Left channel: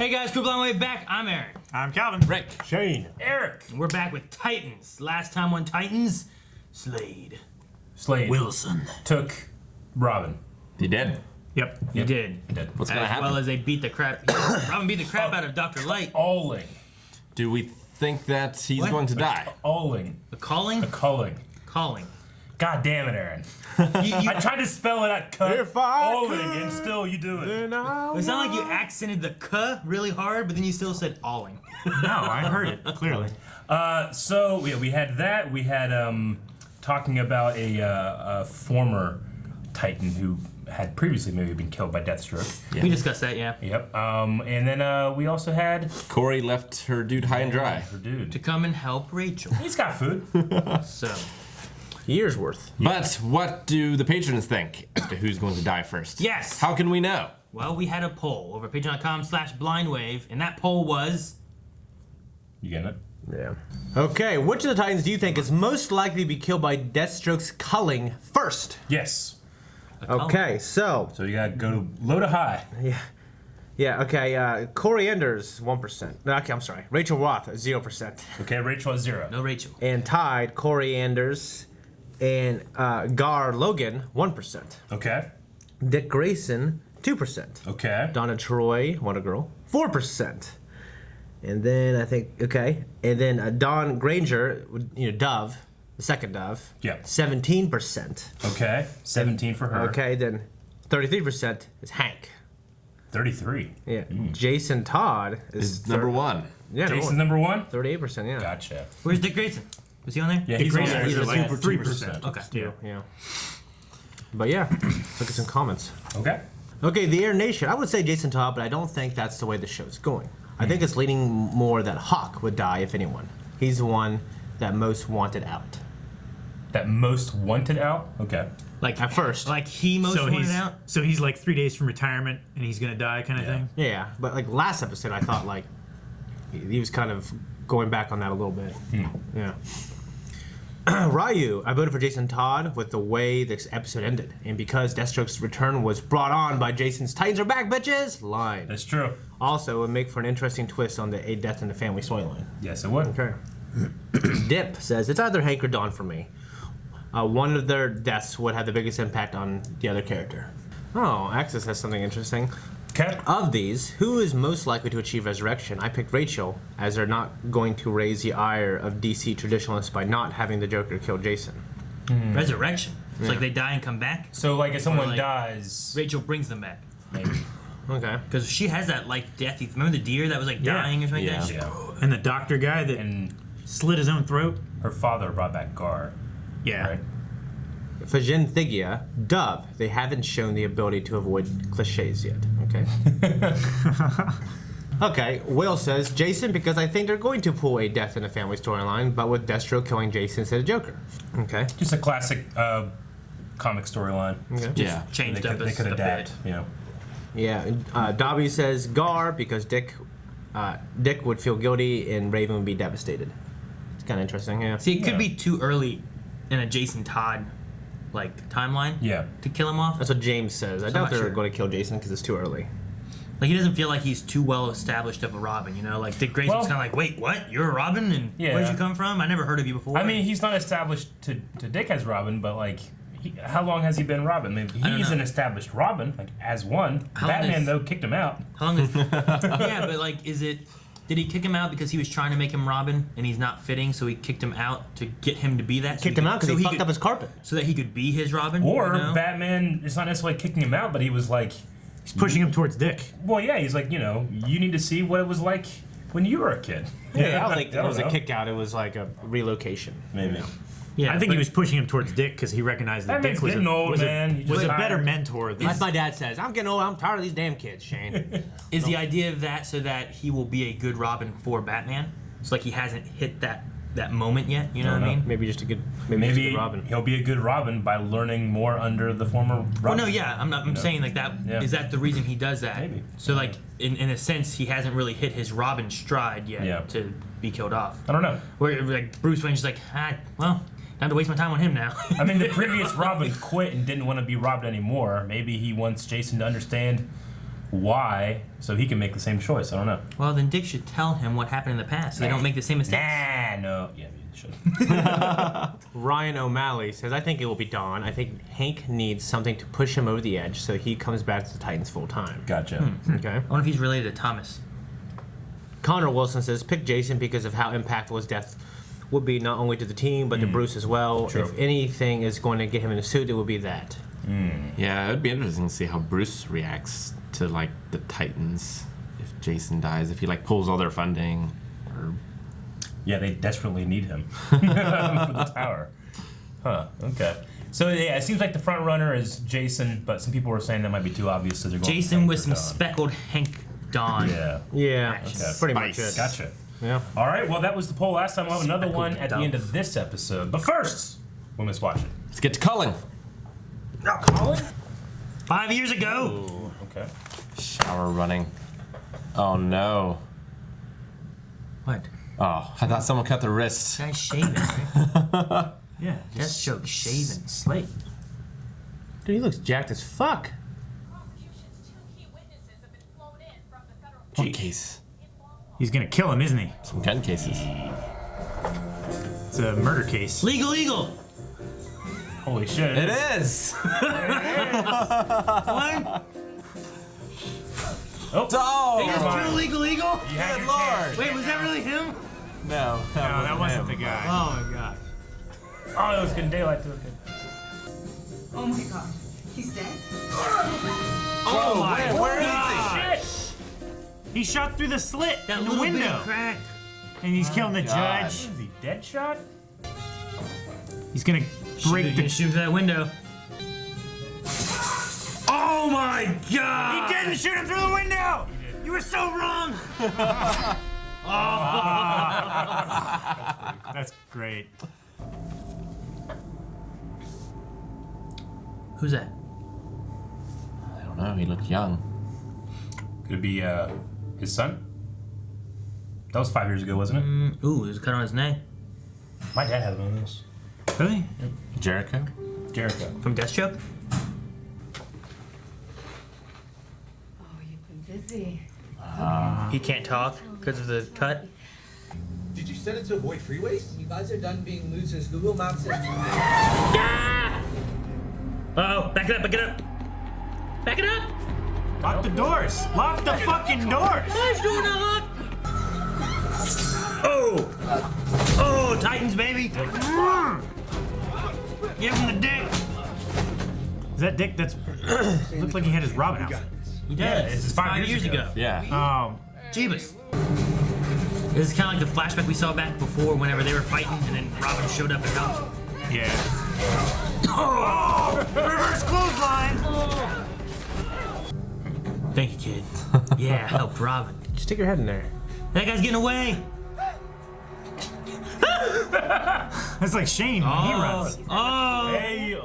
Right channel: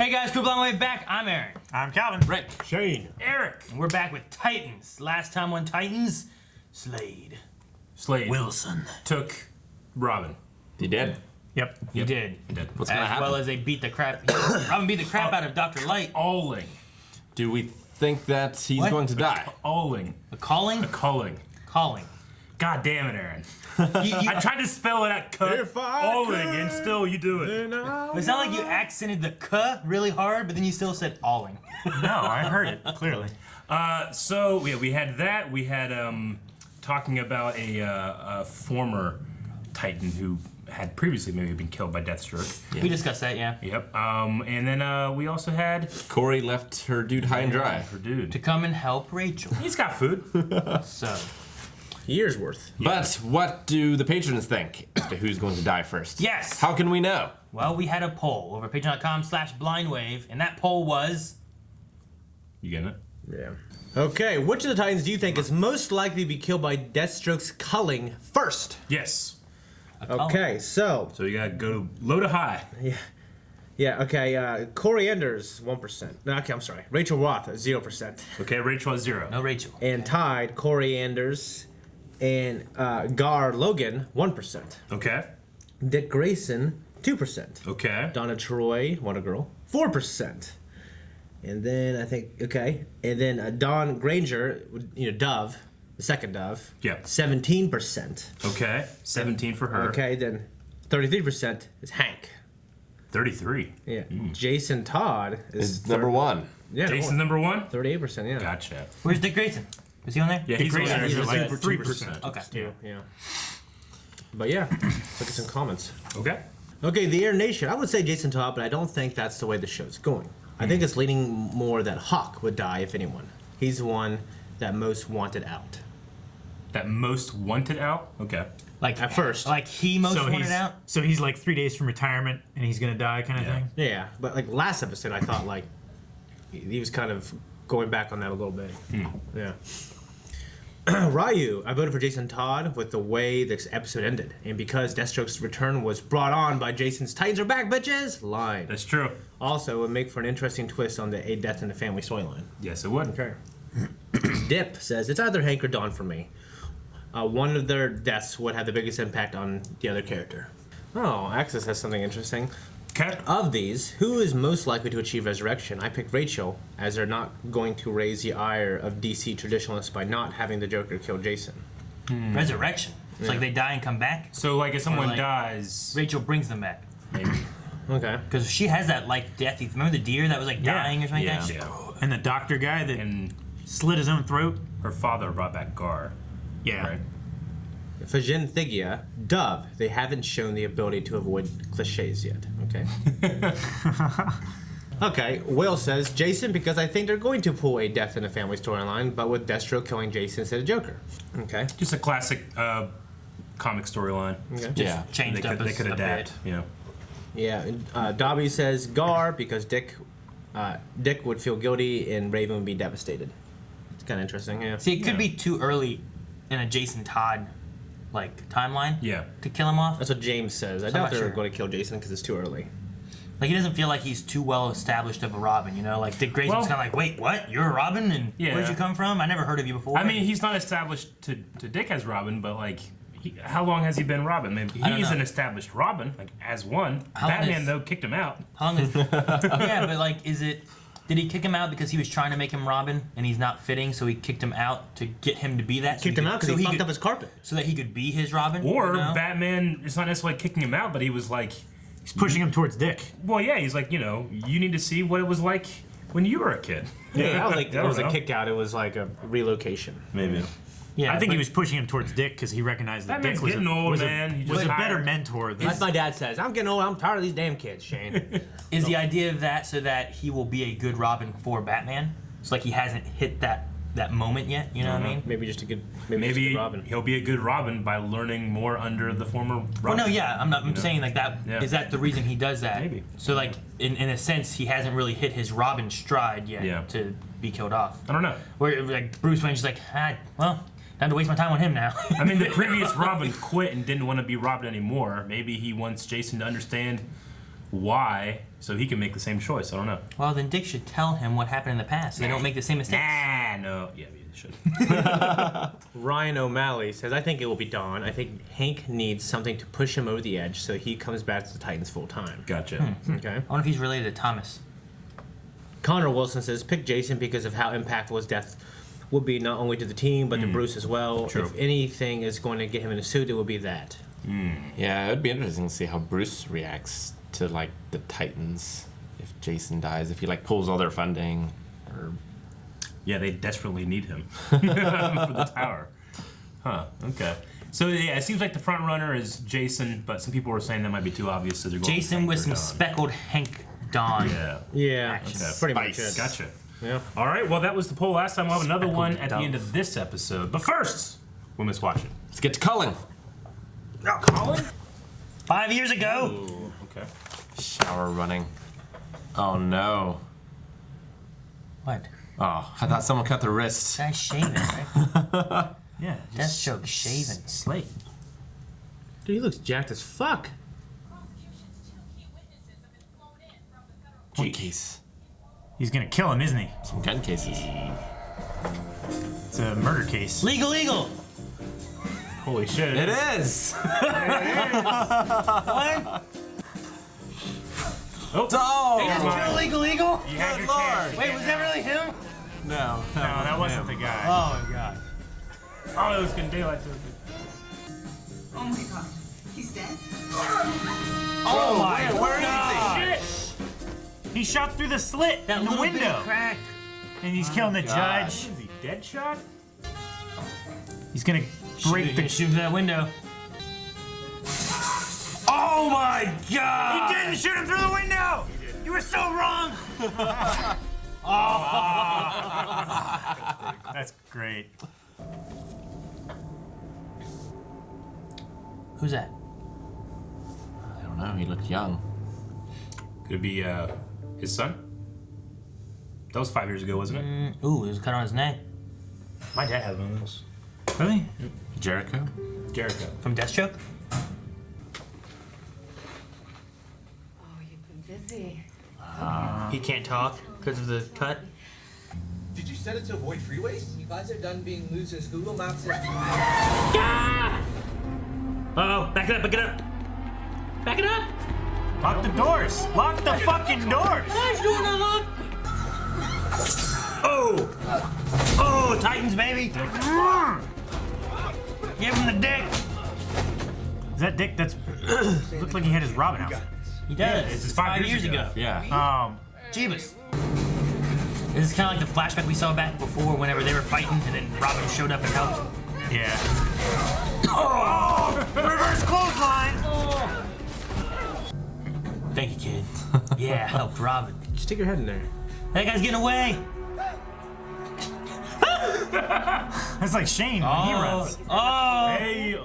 Hey guys, Cool Long Way back. I'm Aaron. I'm Calvin. Rick. Shane. Eric. We're back with Titans. Last time on Titans, Slade. Wilson took Robin. He did. Yep. He did. What's going to happen? As well as they beat the crap. Robin beat the crap out of Dr. Light. Alling. Do we think that he's going to die? Alling. A calling? A calling. Calling. God damn it, Aaron. I tried to spell it at cut. Alling, and still you do it. It sounded like you accented the "k" really hard, but then you still said "alling." No, I heard it clearly. So yeah, we had that. We had talking about a former Titan who had previously maybe been killed by Deathstroke. Yeah. We discussed that, yeah. Yep. And then we also had Corey left her dude high and dry. her dude to come and help Rachel. He's got food. So. Years worth. But what do the patrons think as to who's going to die first? Yes. How can we know? Well, we had a poll over patreon.com/blindwave, and that poll was... You getting it? Yeah. Okay, which of the Titans do you think is most likely to be killed by Deathstroke's culling first? Yes. Okay, so you gotta go to low to high. yeah, okay. Corey Enders 1%. Okay, I'm sorry. Rachel Roth 0%. Okay, Rachel is 0. No Rachel. And tied Corey Enders and Gar Logan 1%. Okay. Dick Grayson 2%. Okay. Donna Troy, Wonder Girl 4%. And then I think and then Dawn Granger, Dove, the second Dove. Yeah. 17%. Okay. 17 for her. Okay, then 33% is Hank. 33. Yeah. Jason Todd Is number one. Yeah. Jason's number 1? 38%. Yeah. Gotcha. Where's Dick Grayson? Is he on there? Yeah, he's on Grayson, there. he's He's like at 3%. Okay. Yeah. But yeah, look at some comments. Okay. Okay, the Air Nation. I would say Jason Todd, but I don't think that's the way the show's going. I think it's leaning more that Hawk would die if anyone. He's the one that most wanted out. That most wanted out? Okay. Like At first. Like he most So wanted he's out? so he's like 3 days from retirement and he's gonna die kind of thing. Yeah, but like last episode, I thought like he was kind of going back on that a little bit. Yeah. Ryu, I voted for Jason Todd with the way this episode ended, and because Deathstroke's return was brought on by Jason's "Titans are back, bitches" line. That's true. Also, it would make for an interesting twist on the A Death in the Family storyline. Yes, it would. Okay. Dip says it's either Hank or Dawn for me. One of their deaths would have the biggest impact on the other character. Oh, Axis has something interesting. Okay. Of these, who is most likely to achieve resurrection? I picked Rachel, as they're not going to raise the ire of DC traditionalists by not having the Joker kill Jason. Resurrection. It's like they die and come back. So, like, if someone like- dies... Rachel brings them back. Maybe. Okay. Because she has that like death. Remember the deer that was like Yeah. dying or something? Yeah. She- Yeah. And the doctor guy that And slit his own throat. her father brought back Gar. Yeah. Right? Fajin Thigia, Dove, they haven't shown the ability to avoid cliches yet. Okay. Okay, Will says Jason because I think they're going to pull a Death in the Family storyline, but with Deathstroke killing Jason instead of Joker. Okay. Just a classic comic storyline. Okay. Yeah. Changed They up could a adapt. bit. Yeah. Yeah. Dobby says Gar because Dick would feel guilty and Raven would be devastated. It's kind of interesting. Yeah. See, it could be too early in a Jason Todd like timeline. Yeah. To kill him off. That's what James says. I I'm doubt not they're sure. going to kill Jason because it's too early. Like he doesn't feel like he's too well established of a Robin, you know? Like Dick Grayson's Well- kind of like, wait, what? You're a Robin, and Yeah. where'd you come from? I never heard of you before. I mean, he's not established to Dick as Robin, but, like, how long has he been Robin? I mean, I don't he's know. an established Robin, like, as one. How long Batman, is- though, kicked him out. how long is? Yeah, but like, is it? Did he kick him out because he was trying to make him Robin and he's not fitting, so he kicked him out to get him to be that? Kicked him out because he fucked could, up his carpet. so that he could be his Robin. Or you know? Batman, it's not necessarily kicking him out, but he was like, He's pushing him towards Dick. well, yeah, he's like, you need to see what it was like when you were a kid. Yeah, I don't think I it was a know. kick out. It was like a relocation. Maybe. Yeah, I think but- he was pushing him towards Dick because he recognized that Batman's Dick was getting a, old, was a- man. He was just a tired. better mentor than That's my dad says. I'm getting old. I'm tired of these damn kids, Shane. Is the idea of that so that he will be a good Robin for Batman? It's like he hasn't hit that moment yet. You know what I mean? Maybe just a good. Maybe, Maybe just a good Robin. he'll be a good Robin by learning more under the former Robin. Well, no, yeah, I'm not. I'm saying like that. Yeah. Is that the reason he does that? Maybe. So like, in a sense, he hasn't really hit his Robin stride yet Yeah. to be killed off. I don't know. Where like Bruce Wayne's just like, well, not to waste my time on him now. I mean, the previous Robin quit and didn't want to be Robin anymore. Maybe he wants Jason to understand why, so he can make the same choice. I don't know. Well, then Dick should tell him what happened in the past so they don't make the same mistakes. No. Yeah, you should. Ryan O'Malley says, I think it will be Dawn. I think Hank needs something to push him over the edge so he comes back to the Titans full time. Gotcha. Okay. I wonder if he's related to Thomas. Connor Wilson says, pick Jason because of how impactful his death would be not only to the team, but to Bruce as well. True. If anything is going to get him in a suit, it would be that. Yeah, it'd be interesting to see how Bruce reacts to like the Titans if Jason dies, if he like pulls all their funding, or Yeah, they desperately need him for the tower. Huh. Okay. So yeah, it seems like the front runner is Jason, but some people were saying that might be too obvious. So they're going Jason Hank with or some Dawn. speckled Hank Dawn. Yeah. Yeah, Okay. that's pretty much Spice. it. Gotcha. Yeah. All right. Well, that was the poll last time. We'll have another one at the dump. end of this episode. But first, Women's Watching. let's get to Cullen. Now, Colin. 5 years ago. Ooh, okay. Shower running. Oh no. What? Oh, I thought someone cut their wrists. Guy's shaving, right? Yeah. That's joke shaving. Slate. Dude, he looks jacked as fuck. Prosecution's 2 key witnesses have been flown in from the federal What case? He's gonna kill him, isn't he? Some gun cases. It's a murder case. Legal, legal. Holy shit. It is. What? Oh. Oh, That's true, legal, legal? You had your chance. Wait, was that really him? no, No, that wasn't the guy. Oh my god. Oh, it was getting daylight too. Oh my god. He's dead? Oh my where god. He shot through the slit That in the little bit window, of crack. and he's killing the God. judge. Is he dead shot? He's gonna break the. Shoot through that window. Oh my god. He didn't shoot him through the window. You were so wrong. That's great. Who's that? I don't know. He looked young. Could it be his son? That was 5 years ago, wasn't it? Ooh, there's a cut on his neck. My dad had one of those. Really? Jericho. Jericho. From Deathstroke? Oh, you've been busy. He can't talk because of the cut. Did you set it to avoid freeways? You guys are done being losers. Google Maps says Uh-oh, back it up, back it up. Back it up. Lock the doors. Lock the fucking doors. What's doing that, look? Oh! Oh, Titans, baby! Give him the dick! Is that Dick? That's looked like he had his Robin outfit. He does. this is 5 years ago. Yeah. Jeebus. This is kind of like the flashback we saw back before whenever they were fighting and then Robin showed up and helped. Yeah. Oh! Reverse clothesline. Thank you, kid. Yeah, helped Robin. Just stick your head in there. That guy's getting away! That's like Shane when he runs. Oh! Hey,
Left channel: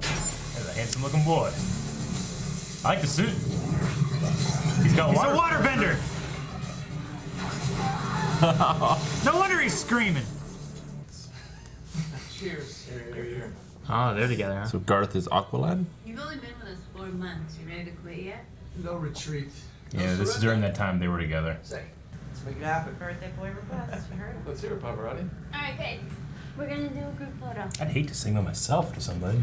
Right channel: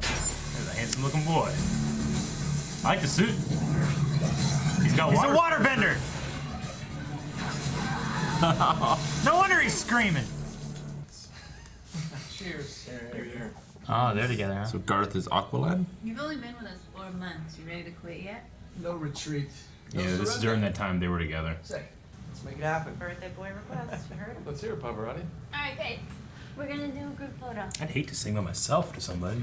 there's a handsome looking boy. I like the suit. He's got He's water. a waterbender. No wonder he's screaming. cheers. Oh, they're together, huh? So Garth is Aqualad. You've only been with us 4 months. You ready to quit yet? No retreat. No Yeah, this is surrender. during that time they were together. Say, let's make it happen. Birthday boy request. You heard him. Let's hear it, Pavarotti. Alright, guys. We're gonna do a group photo. I'd hate to sing by myself to somebody.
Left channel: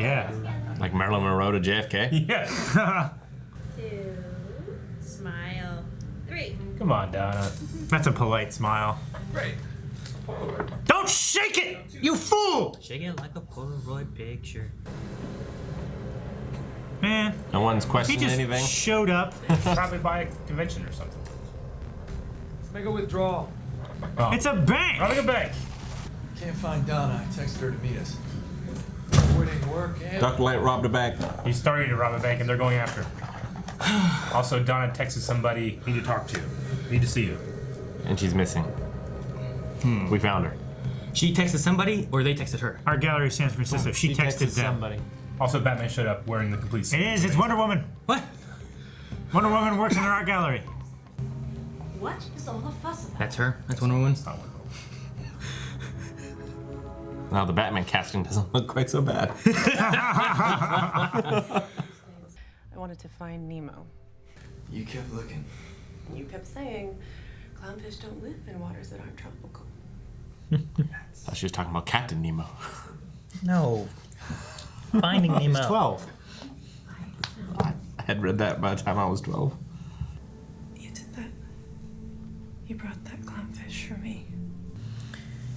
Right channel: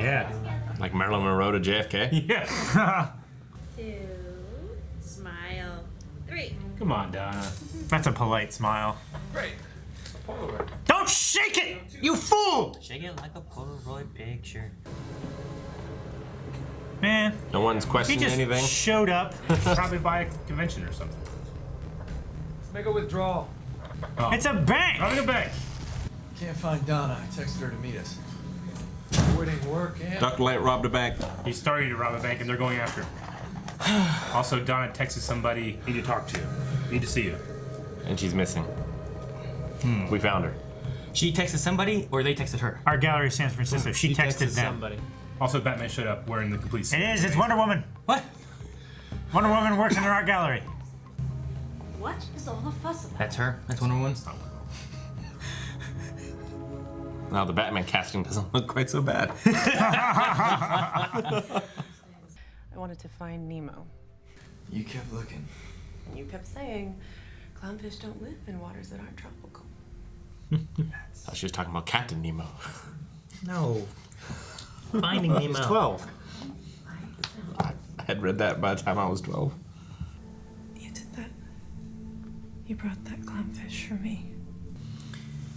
Yeah. Like Marilyn Monroe to JFK. Yeah. 2. Smile. 3. Come on, Donna. That's a polite smile. Great. A Polaroid. Don't shake it, you fool! Shake it like a Polaroid picture. Man, No one's he questioning just anything. showed up. Probably by a convention or something. Let's make a withdrawal. Oh. It's a bank. Robbing a bank. Can't find Donna. I texted her to meet us. Avoiding work and... Dr. Light robbed a bank. He's starting to rob a bank and they're going after him. Also, Donna texted somebody, need to talk to. Need to see you. And she's missing. We found her. She texted somebody, or they texted her? Our gallery San Francisco. She texted them. Somebody. Also, Batman showed up wearing the complete suit. It is. It's Wonder Woman. What? Wonder Woman works in our art gallery. What is all the fuss about? That's her? That's Wonder Woman? Now the Batman casting doesn't look quite so bad. I wanted to find Nemo. You kept looking. You kept saying clownfish don't live in waters that aren't tropical. I thought she was talking about Captain Nemo. No. Finding Nemo. 12. I had read that by the time I was 12. You did that. You brought that clownfish for me.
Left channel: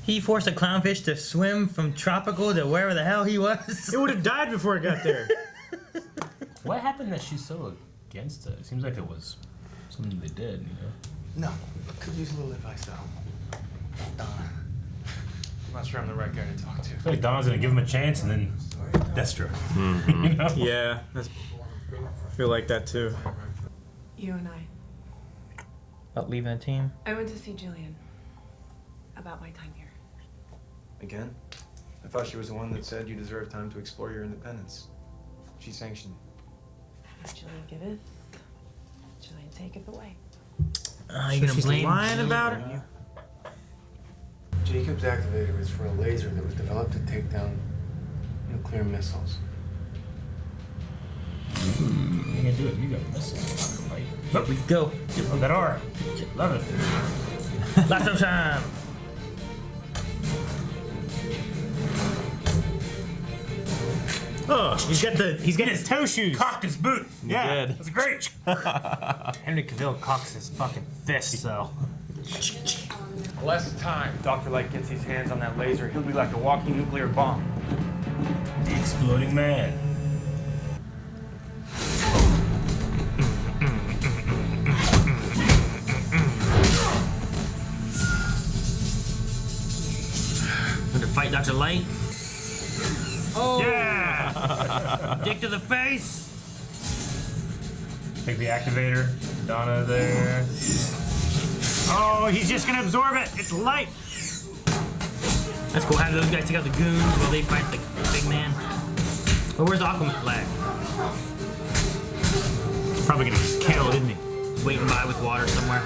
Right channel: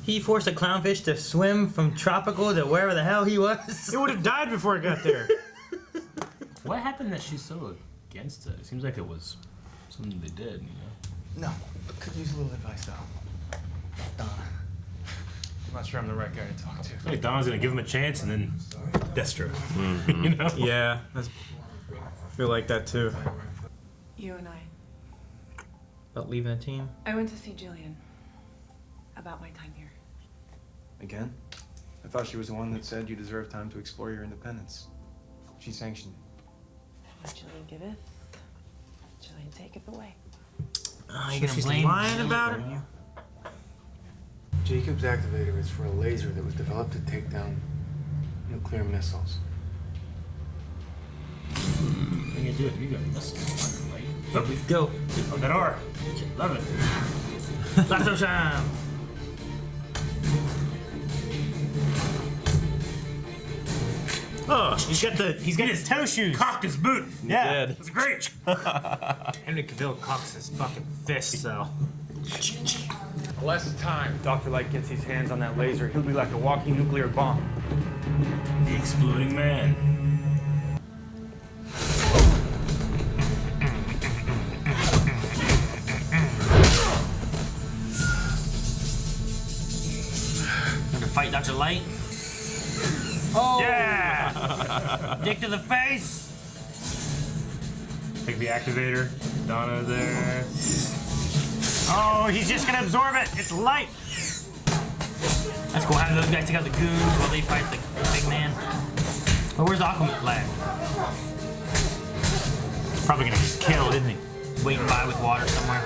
He forced a clownfish to swim from tropical to wherever the hell he was. It would have died before it got there. What happened that she's so against it? It seems like it was something they did, you know? No, could use a little advice though. Donna. I'm not sure I'm the right guy to talk to. I feel like Donna's gonna give him a chance and then Deathstroke. You know? Yeah, I feel like that too. You and I. About leaving the team? I went to see Jillian about my time here. Again? I thought she was the one that said you deserve time to explore your independence. She sanctioned it. Jillian giveth, Jillian taketh away. You gonna She's blame lying about it? You? Jacob's activator was for a laser that was developed to take down nuclear missiles. You can do it. You got this. Here we go. Look at R. Love it. Lots of time. Oh, he's got his toe shoes. Cocked his boot. Yeah. Dead. That's great. Henry Cavill cocks his fucking fist, so. Less time. Dr. Light gets his hands on that laser, he'll be like a walking nuclear bomb. The exploding man. Going to fight Dr. Light. Oh! Yeah! Dick to the face! Take the activator. Donna there. Oh, he's just gonna absorb it. It's light. That's cool. Have those guys take out the goons while they fight the big man. Oh, where's Aqualad flag? Probably gonna kill, isn't he? He's waiting by with water somewhere.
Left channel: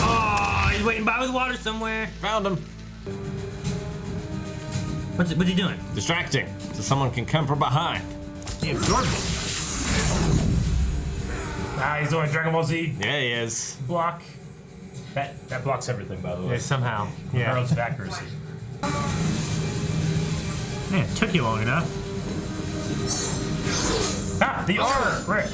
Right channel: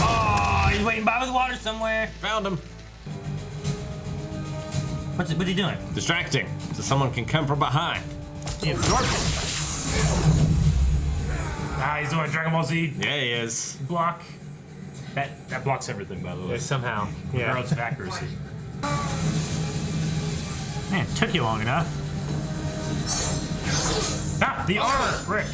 Oh, he's waiting by with water somewhere. Found him. What's he doing? Distracting, so someone can come from behind. He absorbed it. Ah, he's doing Dragon Ball Z Yeah, he is. block. That blocks everything, by the way. Yeah, somehow. Yeah. Road's accuracy. Man, it took you long enough. Ah, the armor! Right.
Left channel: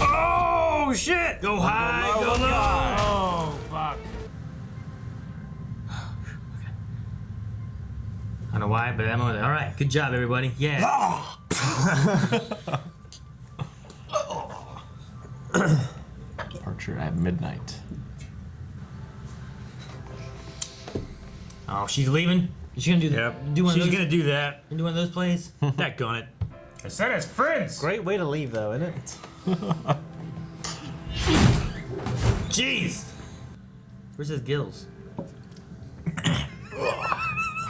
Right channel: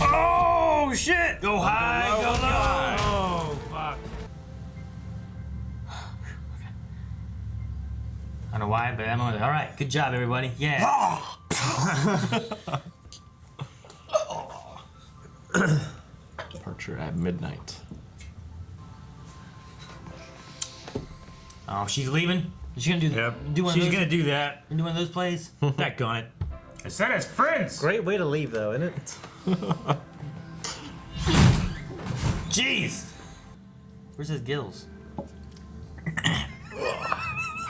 Oh, shit! Go high, go low. Oh, fuck. I don't know why, but I'm over there. All right, good job, everybody. Yeah. Departure at midnight. Oh, she's leaving. Is she gonna do Yep. do one She's of those? gonna do that. Do one of those plays? That gun it. I said as friends! Great way to leave, though, isn't it? Jeez. Where's his gills?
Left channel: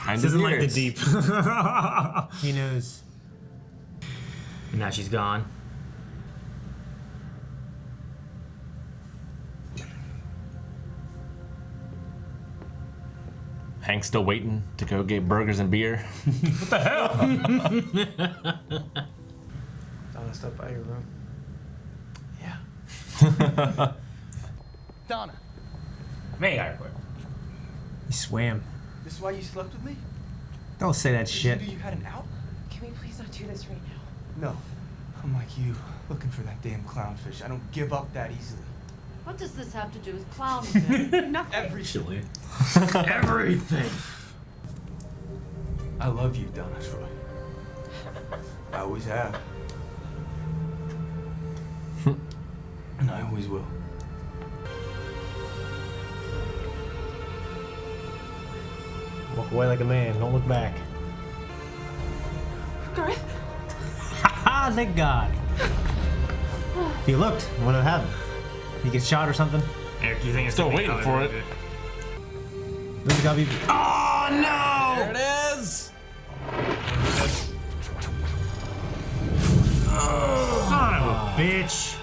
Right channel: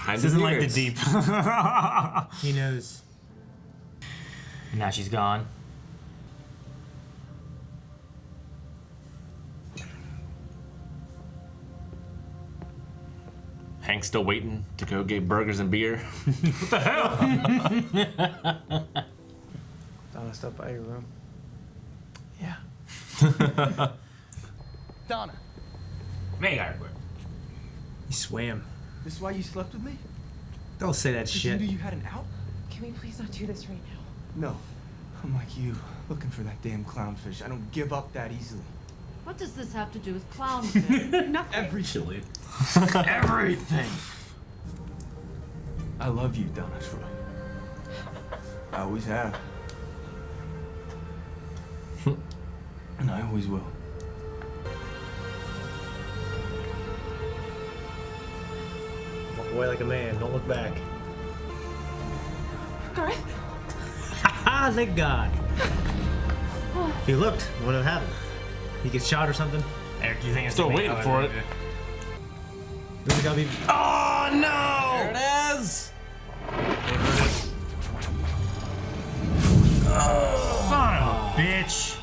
Kind This isn't like the ears. deep. He knows. And now she's gone. Hank's still waiting to go get burgers and beer. Donna, stop by your room. Yeah. Donna, Man, I quit. He swam. this is why you slept with me? Don't say that Did shit. you know you had an out? Can we please not do this right now? No. I'm like you, looking for that damn clownfish. I don't give up that easily. What does this have to do with clownfish? Nothing. Every Chili. Everything. I love you, Donna Troy. I always have. And I always will. Walk away like a man. Don't look back. Garth? Ah, thank God. If he looked, he wouldn't have happened. He gets shot or something. Eric, do you think it's Still gonna be waiting how for it. There's gotta be. Oh no! There it is! Son of a bitch.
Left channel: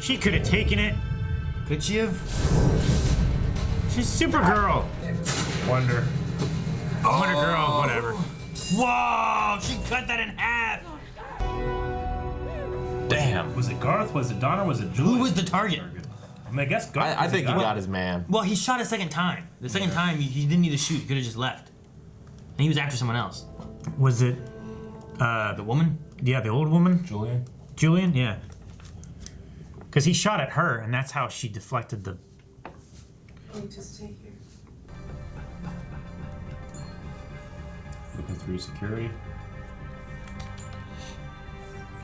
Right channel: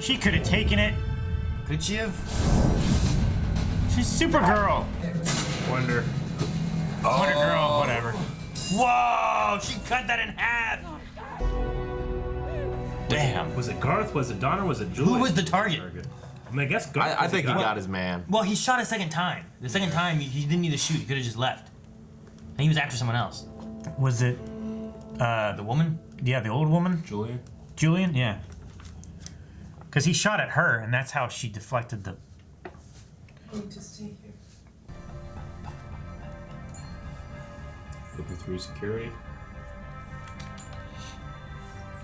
She could have taken it. Could she have? She's Supergirl. Wonder. Wonder Girl, whatever. Whoa! She cut that in half. Damn. Was it Garth? Was it Donna? Was it Julie? Who was the target? I mean, I guess Garth. I think he got his man. Well, he shot a second time. The second time, he didn't need to shoot. He could have just left. And he was after someone else. Was it? The woman? Yeah, the old woman. Julian. Julian. Yeah. Because he shot at her, and that's how she deflected the. Just take her. Looking through security.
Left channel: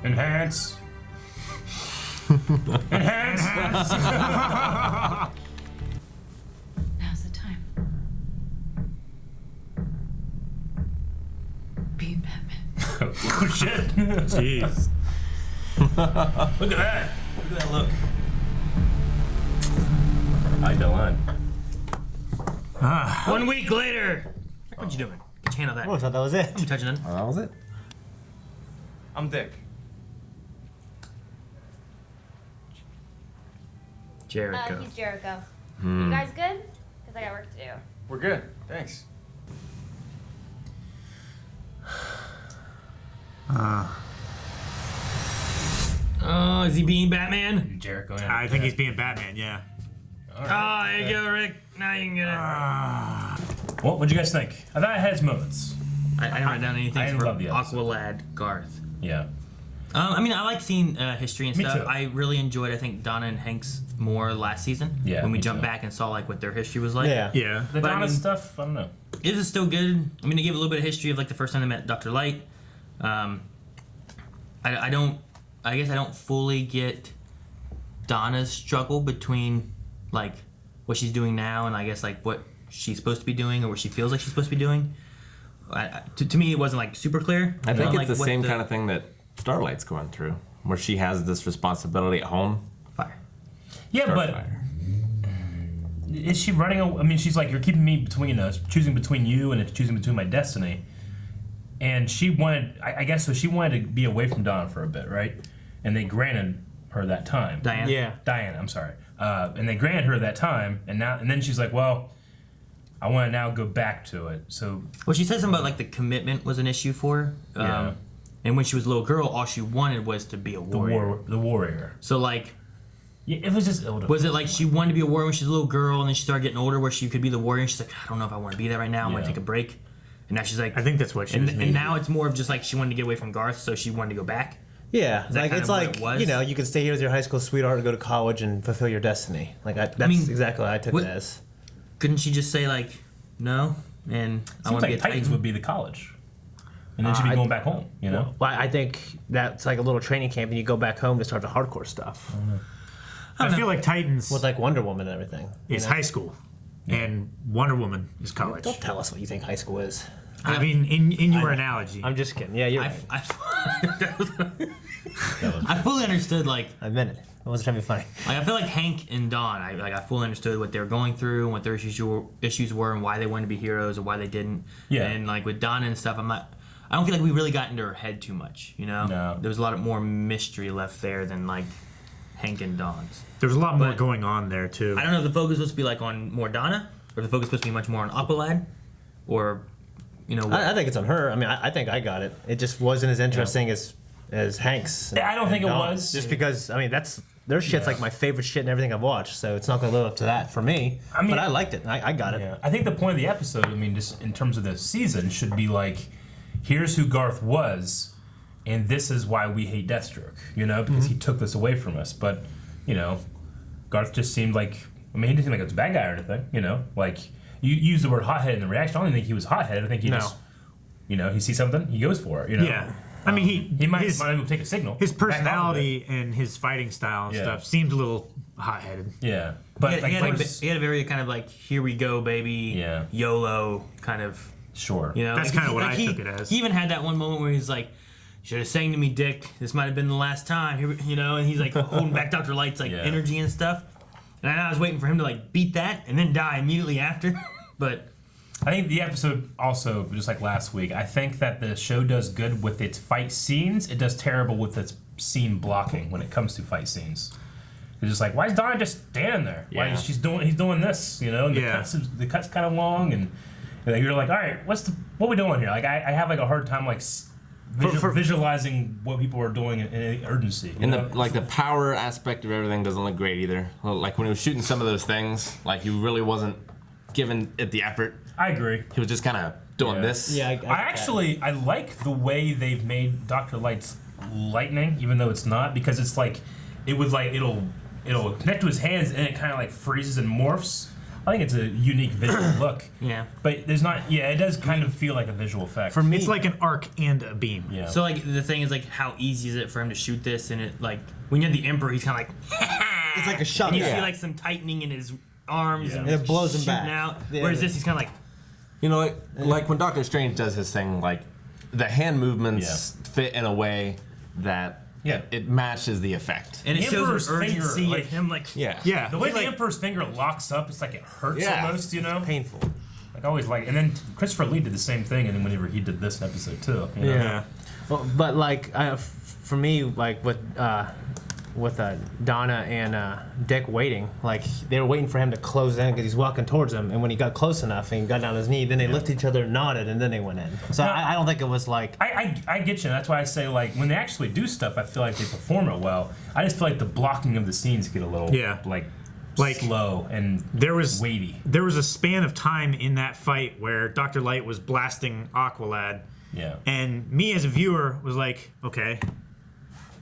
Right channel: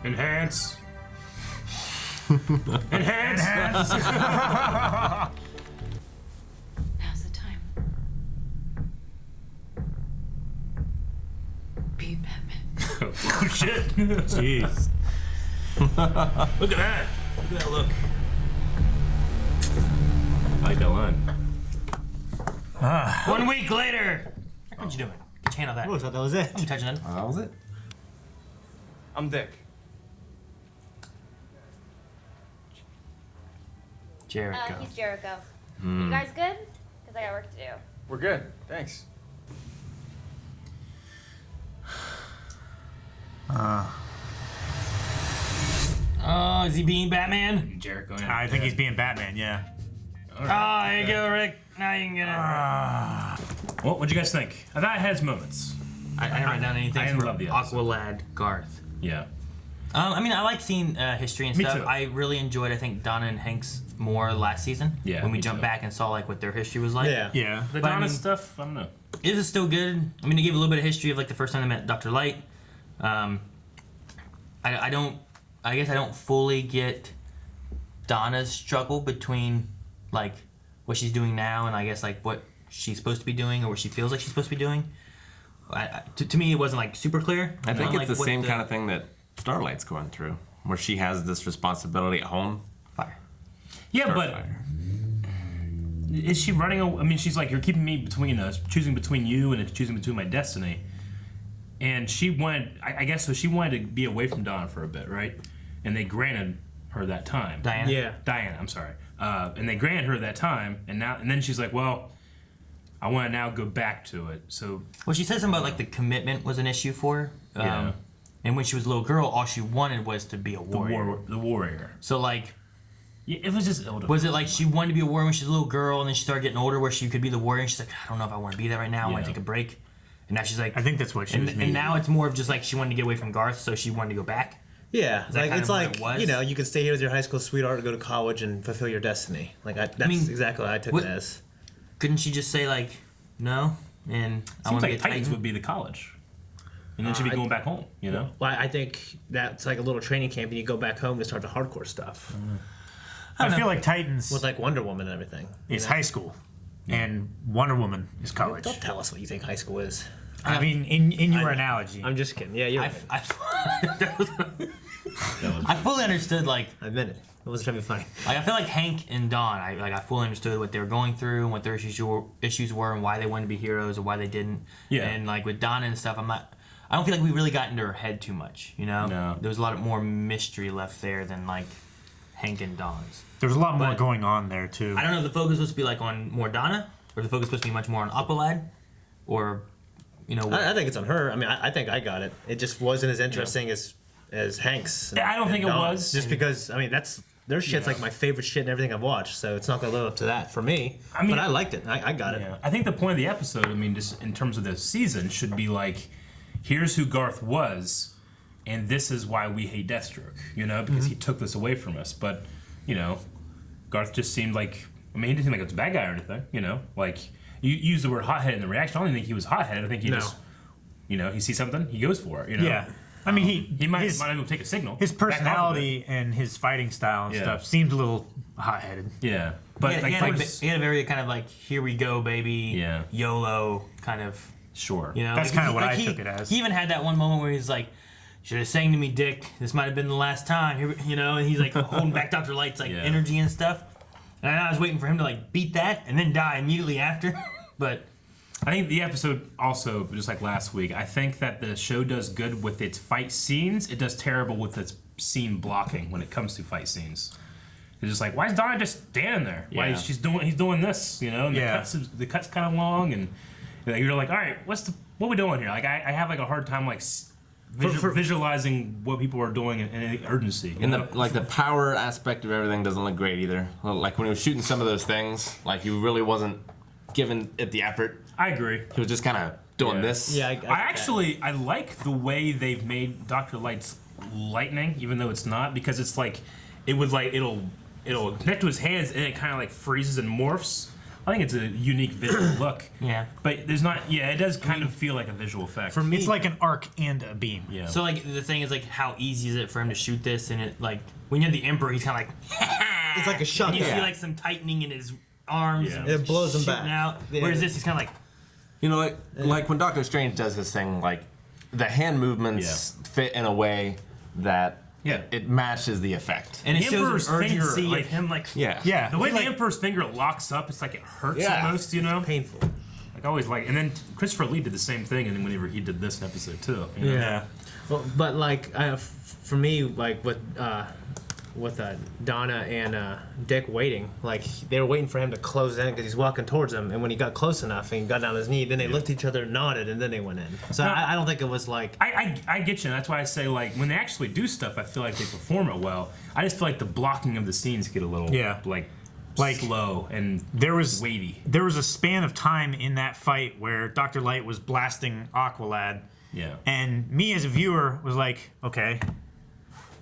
Enhance. Enhance. Now's the time. Be Batman. Oh shit! Jeez. Look at that! Look at that look. I like that line. 1 week later. What you doing? Channel that. Oh, I thought that was it. I'm touching it. Oh, that was it. I'm Dick. Jericho. He's Jericho. You guys good? Because I got work to do. We're good. Thanks. Oh, is he being Batman? Jericho. I think he's being Batman. Yeah. Oh, there you go, Rick. Now you can get it. Well, what'd you guys think? I thought it had its moments. I didn't write down anything I didn't for love the episode. Aqualad Garth. Yeah. I mean, I like seeing history and Me stuff. too. I really enjoyed, I think, Donna and Hank's more last season. Yeah, When we me jumped too. back and saw like what their history was like. Yeah. Yeah. The But I Donna mean- stuff, I don't know. It is still good. I mean, they gave a little bit of history of like the first time they met Dr. Light. I don't. I guess I don't fully get Donna's struggle between like what she's doing now and I guess like what she's supposed to be doing or what she feels like she's supposed to be doing. To me, it wasn't like super clear. I think it's like the what same kind of thing that Starlight's going through, where she has this responsibility at home. Fire. Yeah, but Starfire. is she running? I mean, she's like, you're keeping me between us, choosing between you and choosing between my destiny. And she wanted, I guess, so she wanted to be away from Donna for a bit, right? And they granted her that time. Diana. Yeah. Diana, I'm sorry. And they granted her that time, and then she's like, well, I want to now go back to it. So Well, she said something about like the commitment was an issue for her. Yeah. And when she was a little girl, all she wanted was to be a warrior. the warrior. So like, Yeah, it was just ill. was it like she wanted to be a warrior when she was a little girl, and then she started getting older, where she could be the warrior? And she's like, I don't know if I want to be that right now. I want Yeah. to take a break. And now she's like, I think that's what she was and meaning. now it's more of just like she wanted to get away from Garth, so she wanted to go back. Yeah, that like kind it's of what like it was? you know, you can stay here with your high school sweetheart and go to college and fulfill your destiny. Like that's mean, exactly what I took what- it as. Couldn't she just say like, no? And I Seems want to like be a Titans Titan. would be the college, and then she'd be I- going back home. You know. Well, I think that's like a little training camp, and you go back home to start the hardcore stuff I feel like Titans with like Wonder Woman and everything. is high school, and Wonder Woman is college. Don't tell us what you think high school is. I mean, in your analogy. I'm just kidding. Yeah, you're right. I fully understood like I admit it. I wasn't trying to be funny. I feel like Hank and Dawn, I fully understood what they were going through and what their issues were and why they wanted to be heroes and why they didn't. Yeah. And like with Donna and stuff, I don't feel like we really got into her head too much, you know? No. There was a lot more mystery left there than like Hank and Dawn's. There's a lot more But- going on there too. I don't know if the focus was supposed to be like on more Donna or if the focus was supposed to be much more on Aqualad or, you know, I think it's on her. I mean, I think I got it. It just wasn't as interesting as Hank's. Yeah, I don't and think it Dawn's. was. Just because I mean their shit's like my favorite shit and everything I've watched, so it's not gonna live up to that for me. I mean- but I liked it. I got it. Yeah. I think the point of the episode, I mean, just in terms of the season, should be like, here's who Garth was, and this is why we hate Deathstroke, you know, because he took this away from us. But, you know, Garth just seemed like, I mean, he didn't seem like he was a bad guy or anything, you know, like, you use the word hothead in the reaction. I don't even think he was hothead. I think he No. just, you know, he sees something, he goes for it, you know. Yeah. I mean, He might even take a signal. his back off of it. personality and his fighting style and Yeah. stuff seemed a little hot-headed. Yeah. But, he, like, had, first- he had a very kind of like, here we go, baby, Yeah. YOLO kind of. sure. You know, That's like, kinda he- what like I he- took it as. He even had that one moment where he's like, "Should have sang to me, Dick. This might have been the last time." You know, and he's like holding back Dr. Light's like Yeah. energy and stuff. And I was waiting for him to like beat that and then die immediately after. But I think the episode also, just like last week, I think that the show does good with its fight scenes. It does terrible with its scene blocking when it comes to fight scenes. It's just like, why is Donna just standing there? Why Yeah. he's doing this, you know? And Yeah. the cut's kind of long, and Like, you're like, all right, what we doing here? Like, I have like a hard time like visualizing what people are doing in urgency. And the power aspect of everything doesn't look great either. Like when he was shooting some of those things, like he really wasn't giving it the effort. I agree. He was just kind of doing this. Yeah, I like the way they've made Dr. Light's lightning, even though it's not, because it's like it'll connect to his hands and it kind of like freezes and morphs. I think it's a unique visual look. Yeah. But there's not. Yeah, it does kind of feel like a visual effect. For me, it's like an arc and a beam. Yeah. So like the thing is like how easy is it for him to shoot this, and it like when you're the Emperor, he's kind of like It's like a shot. and you Yeah. see like some tightening in his arms Yeah. and It blows him shooting back. out. Yeah. Whereas this, he's kind of like You know, like when Doctor Strange does his thing, like the hand movements fit in a way that Yeah. it matches the effect. and it The shows Emperor's an urgency finger, of him like Yeah. Yeah. The way the Emperor's finger locks up, it's like it hurts Yeah. almost, you know? Painful. Like, I always like. And then Christopher Lee did the same thing, and then whenever he did this episode, too. You know? Yeah. Well, but like for me, like with Donna and Dick waiting, like they were waiting for him to close in because he's walking towards them, and when he got close enough and he got down on his knee, then they looked at each other, nodded, and then they went in. So No. I don't think it was like. I get you. That's why I say, like, when they actually do stuff, I feel like they perform it well. I just feel like the blocking of the scenes get a little, like slow and weighty. There was a span of time in that fight where Dr. Light was blasting Aqualad. Yeah. And me as a viewer was like, okay,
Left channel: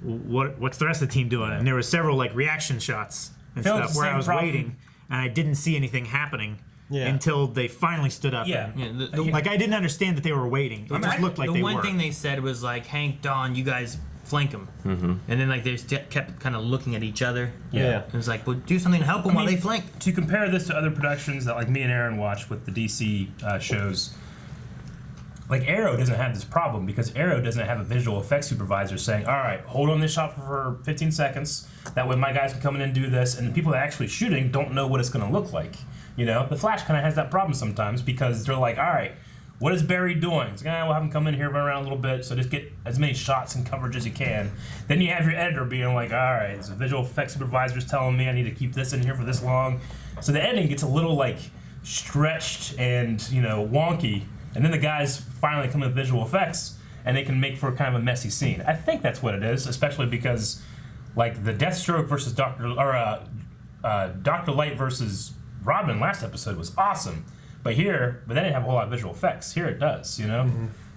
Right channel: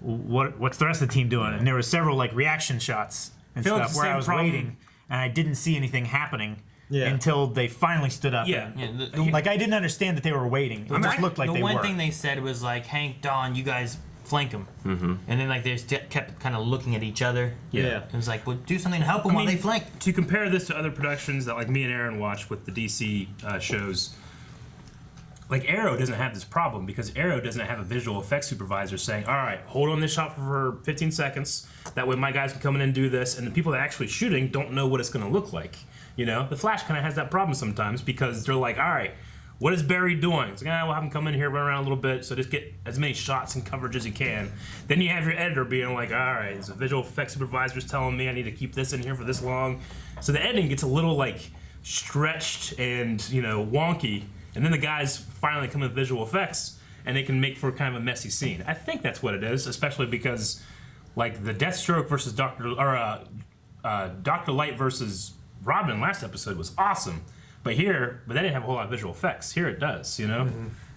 what's the rest of the team doing? And there were several like reaction shots and Feel like stuff the where same I was problem. waiting and I didn't see anything happening Yeah. until they finally stood up. Yeah. And, Yeah, like I didn't understand that they were waiting. It just looked like the they one were. thing they said was like, Hank, Dawn, you guys flank him. Mm-hmm. And then like they kept kind of looking at each other. Yeah. It was like, well, do something to help them while they flank. To compare this to other productions that like me and Aaron watch with the DC shows, like Arrow doesn't have this problem because Arrow doesn't have a visual effects supervisor saying, all right, hold on this shot for 15 seconds. That way my guys can come in and do this. And the people that are actually shooting don't know what it's going to look like. You know, The Flash kind of has that problem sometimes because they're like, all right, what is Barry doing? It's like, we'll have him come in here, run around a little bit, so just get as many shots and coverage as you can. Then you have your editor being like, all right, so visual effects supervisor's telling me I need to keep this in here for this long. So the editing gets a little like stretched and, you know, wonky. And then the guys finally come with visual effects and they can make for kind of a messy scene. I think that's what it is, especially because like the Deathstroke versus Dr. Light versus Robin last episode was awesome. But they didn't have a whole lot of visual effects. Here it does, you know?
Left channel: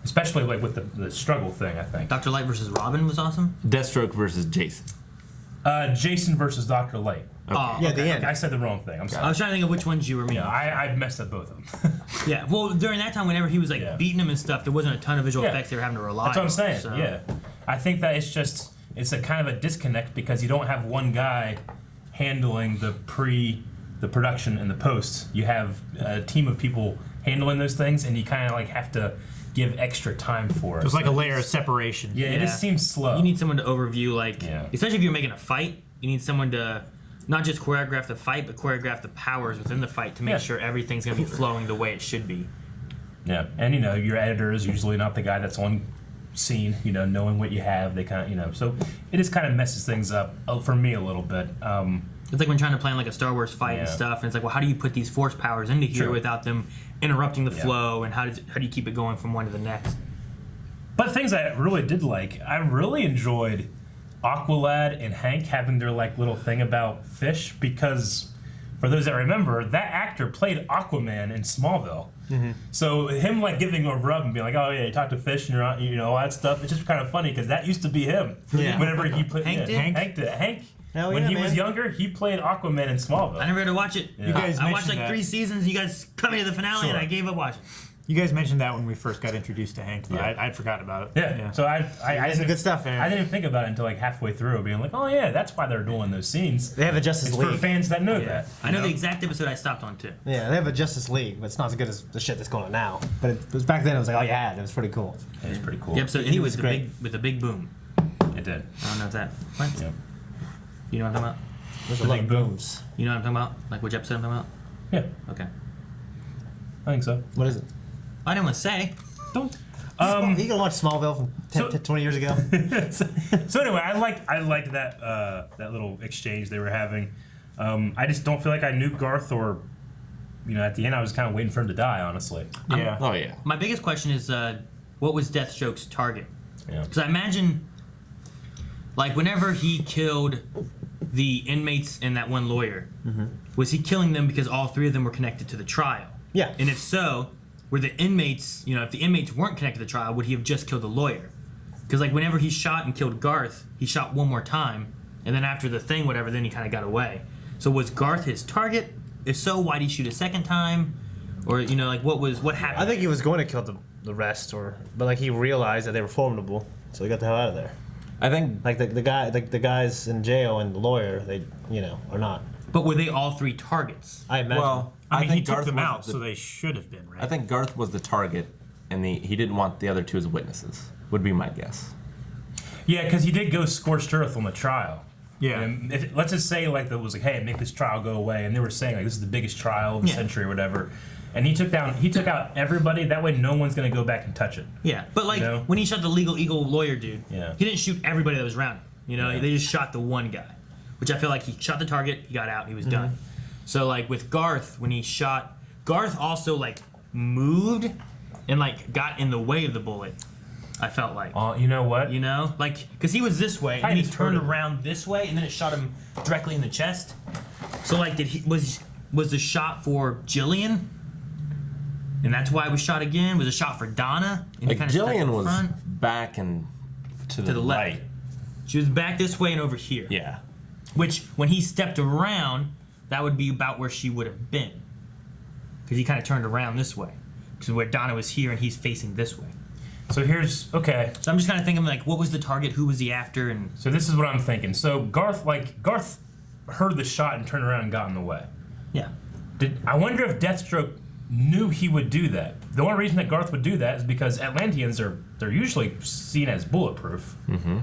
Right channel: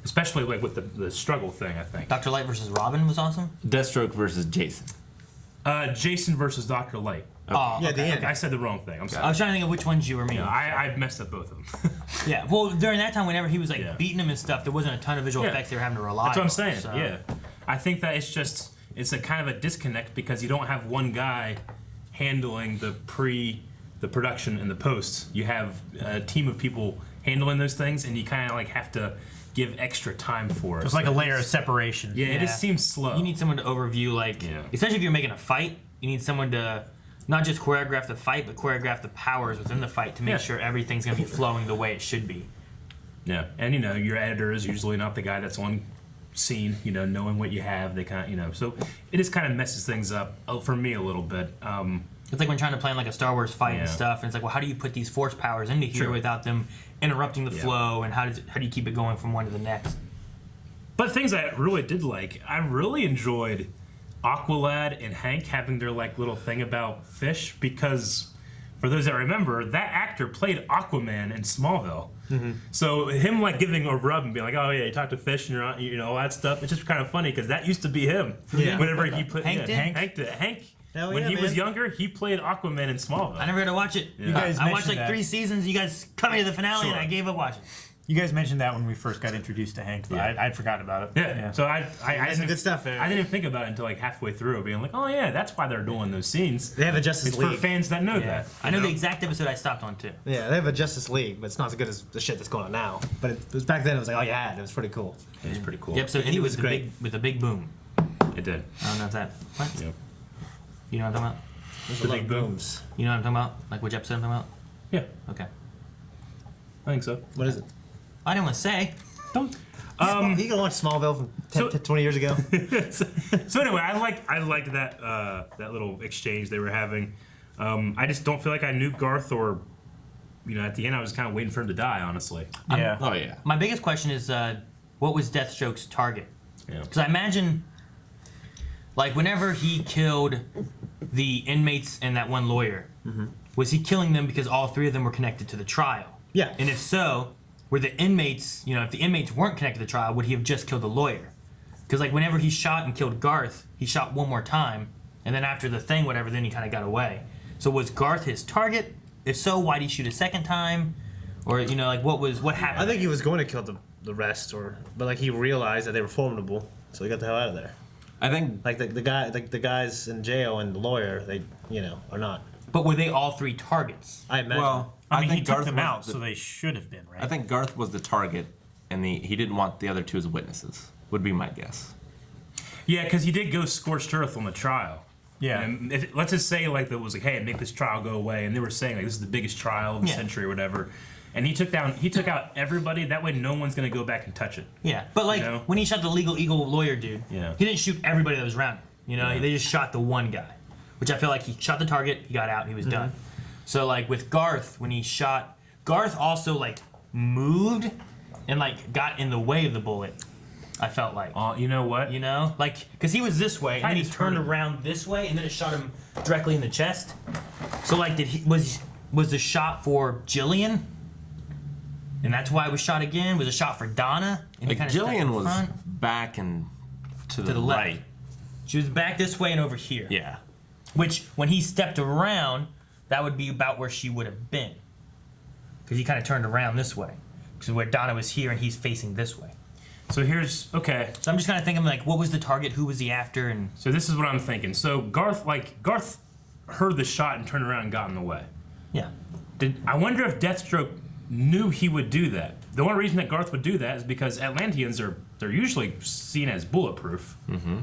Especially like with the struggle thing, I think. Dr. Light versus Robin was awesome. Deathstroke versus Jason. Jason versus Dr. Light. Oh, Yeah, the end. I said the wrong thing. I'm I sorry. was trying to think of which ones you were meaning. I messed up both of them. Yeah, well, during that time, whenever he was like Yeah. beating him and stuff, there wasn't a ton of visual Yeah. effects they were having to rely on. That's what I'm saying. So. Yeah, I think that it's a kind of a disconnect because you don't have one guy handling the production and the post. You have a team of people handling those things, and you kind of like have to give extra time for it. It was like a layer of separation. Yeah, it Yeah. just seems slow. You need someone to overview, like, Yeah. especially if you're making a fight, you need someone to not just choreograph the fight, but choreograph the powers within the fight to make Yeah. sure everything's going to be flowing the way it should be. Yeah, and you know your editor is usually not the guy that's on scene. You know, knowing what you have, they kind of so it just kind of messes things up for me a little bit. It's like when trying to plan like a Star Wars fight and Yeah. stuff, and it's like, well, how do you put these force powers into here True. without them interrupting the Yeah. flow, and how do you keep it going from one to the next? But things I really did like, I really enjoyed Aqualad and Hank having their like little thing about fish because, for those that remember, that actor played Aquaman in Smallville. So him like giving a rub and being like, oh yeah, you talk to fish and you're on, you know, all that stuff. It's just kind of funny because that used to be him. Yeah. Whenever he put Hank did? Hank did. Hank. Hell When yeah, he was man. younger, he played Aquaman in Smallville. I never had to watch it. You guys I watched mentioned like that. 3 seasons. You guys cut me to the finale, and I gave up watching. You guys mentioned that when we first got introduced to Hank, but Yeah. I'd forgotten about it. Yeah. So I Some didn't, good stuff, man. I didn't think about it until like halfway through, being like, oh yeah, that's why they're doing those scenes. They have a Justice It's for League. fans that know that. I know you the exact episode I stopped on too. Yeah, they have a Justice League, but it's not as good as the shit that's going on now. But it was back then. It was like all you had. It was pretty cool. It was pretty cool. The episode He ended was with great. a big boom. It did. I don't know if that. What? Yep. You know what I'm talking about? There's The a lot big of boom. booms. You know what I'm talking about? Like which episode I'm talking Yeah, about? Okay. I think so. What is it? I didn't want to say. Don't. You gonna watch Smallville from 10, So- 20 years ago? So anyway, I liked that that little exchange they were having. I just don't feel like I knew Garth or at the end, I was kind of waiting for him to die, honestly. Yeah. Oh yeah. My biggest question is, what was Deathstroke's target? Yeah. Because I imagine, like, whenever he killed the inmates and that one lawyer, was he killing them because all three of them were connected to the trial? Yeah. And if so, were the inmates, if the inmates weren't connected to the trial, would he have just killed the lawyer? Because, like, whenever he shot and killed Garth, he shot one more time, and then after the thing, whatever, then he kind of got away. So was Garth his target? If so, why did he shoot a second time? Or, what happened? I think he was going to kill the rest, but like he realized that they were formidable, so he got the hell out of there. I think Like the guys in jail and the lawyer, they are not. But were they all three targets? I imagine. well, I mean, he think took Garth them was out, the- so they should have been, right? I think Garth was the target, and he didn't want the other two as witnesses. Would be my guess. Yeah, because he did go scorched earth on the trial. Yeah. And let's just say like that was like, hey, make this trial go away, and they were saying like this is the biggest trial of the Yeah. century or whatever, and he took out everybody. That way, no one's gonna go back and touch it. Yeah, but like when he shot the legal eagle lawyer dude, Yeah. he didn't shoot everybody that was around him. They just shot the one guy, which I feel like he shot the target, he got out, he was done. So like with Garth, when he shot, Garth also like moved and like got in the way of the bullet. I felt like. Oh, you know what? Like, because he was this way, and then he Tiny turned turn. around this way, and then it shot him directly in the chest. So, like, was the shot for Jillian? And that's why it was shot again? Was it shot for Donna? And he Like kinda stuck in Jillian was front? back and to the left. right. She was back this way and over here. Yeah. Which, when he stepped around, that would be about where she would have been. Because he kind of turned around this way. Because where Donna was here, and he's facing this way. So okay. So I'm just kind of thinking, like, what was the target? Who was he after? And So this is what I'm thinking. So Garth heard the shot and turned around and got in the way. yeah. I wonder if Deathstroke knew he would do that. The only reason that Garth would do that is because Atlanteans they're usually seen as bulletproof. Mm-hmm.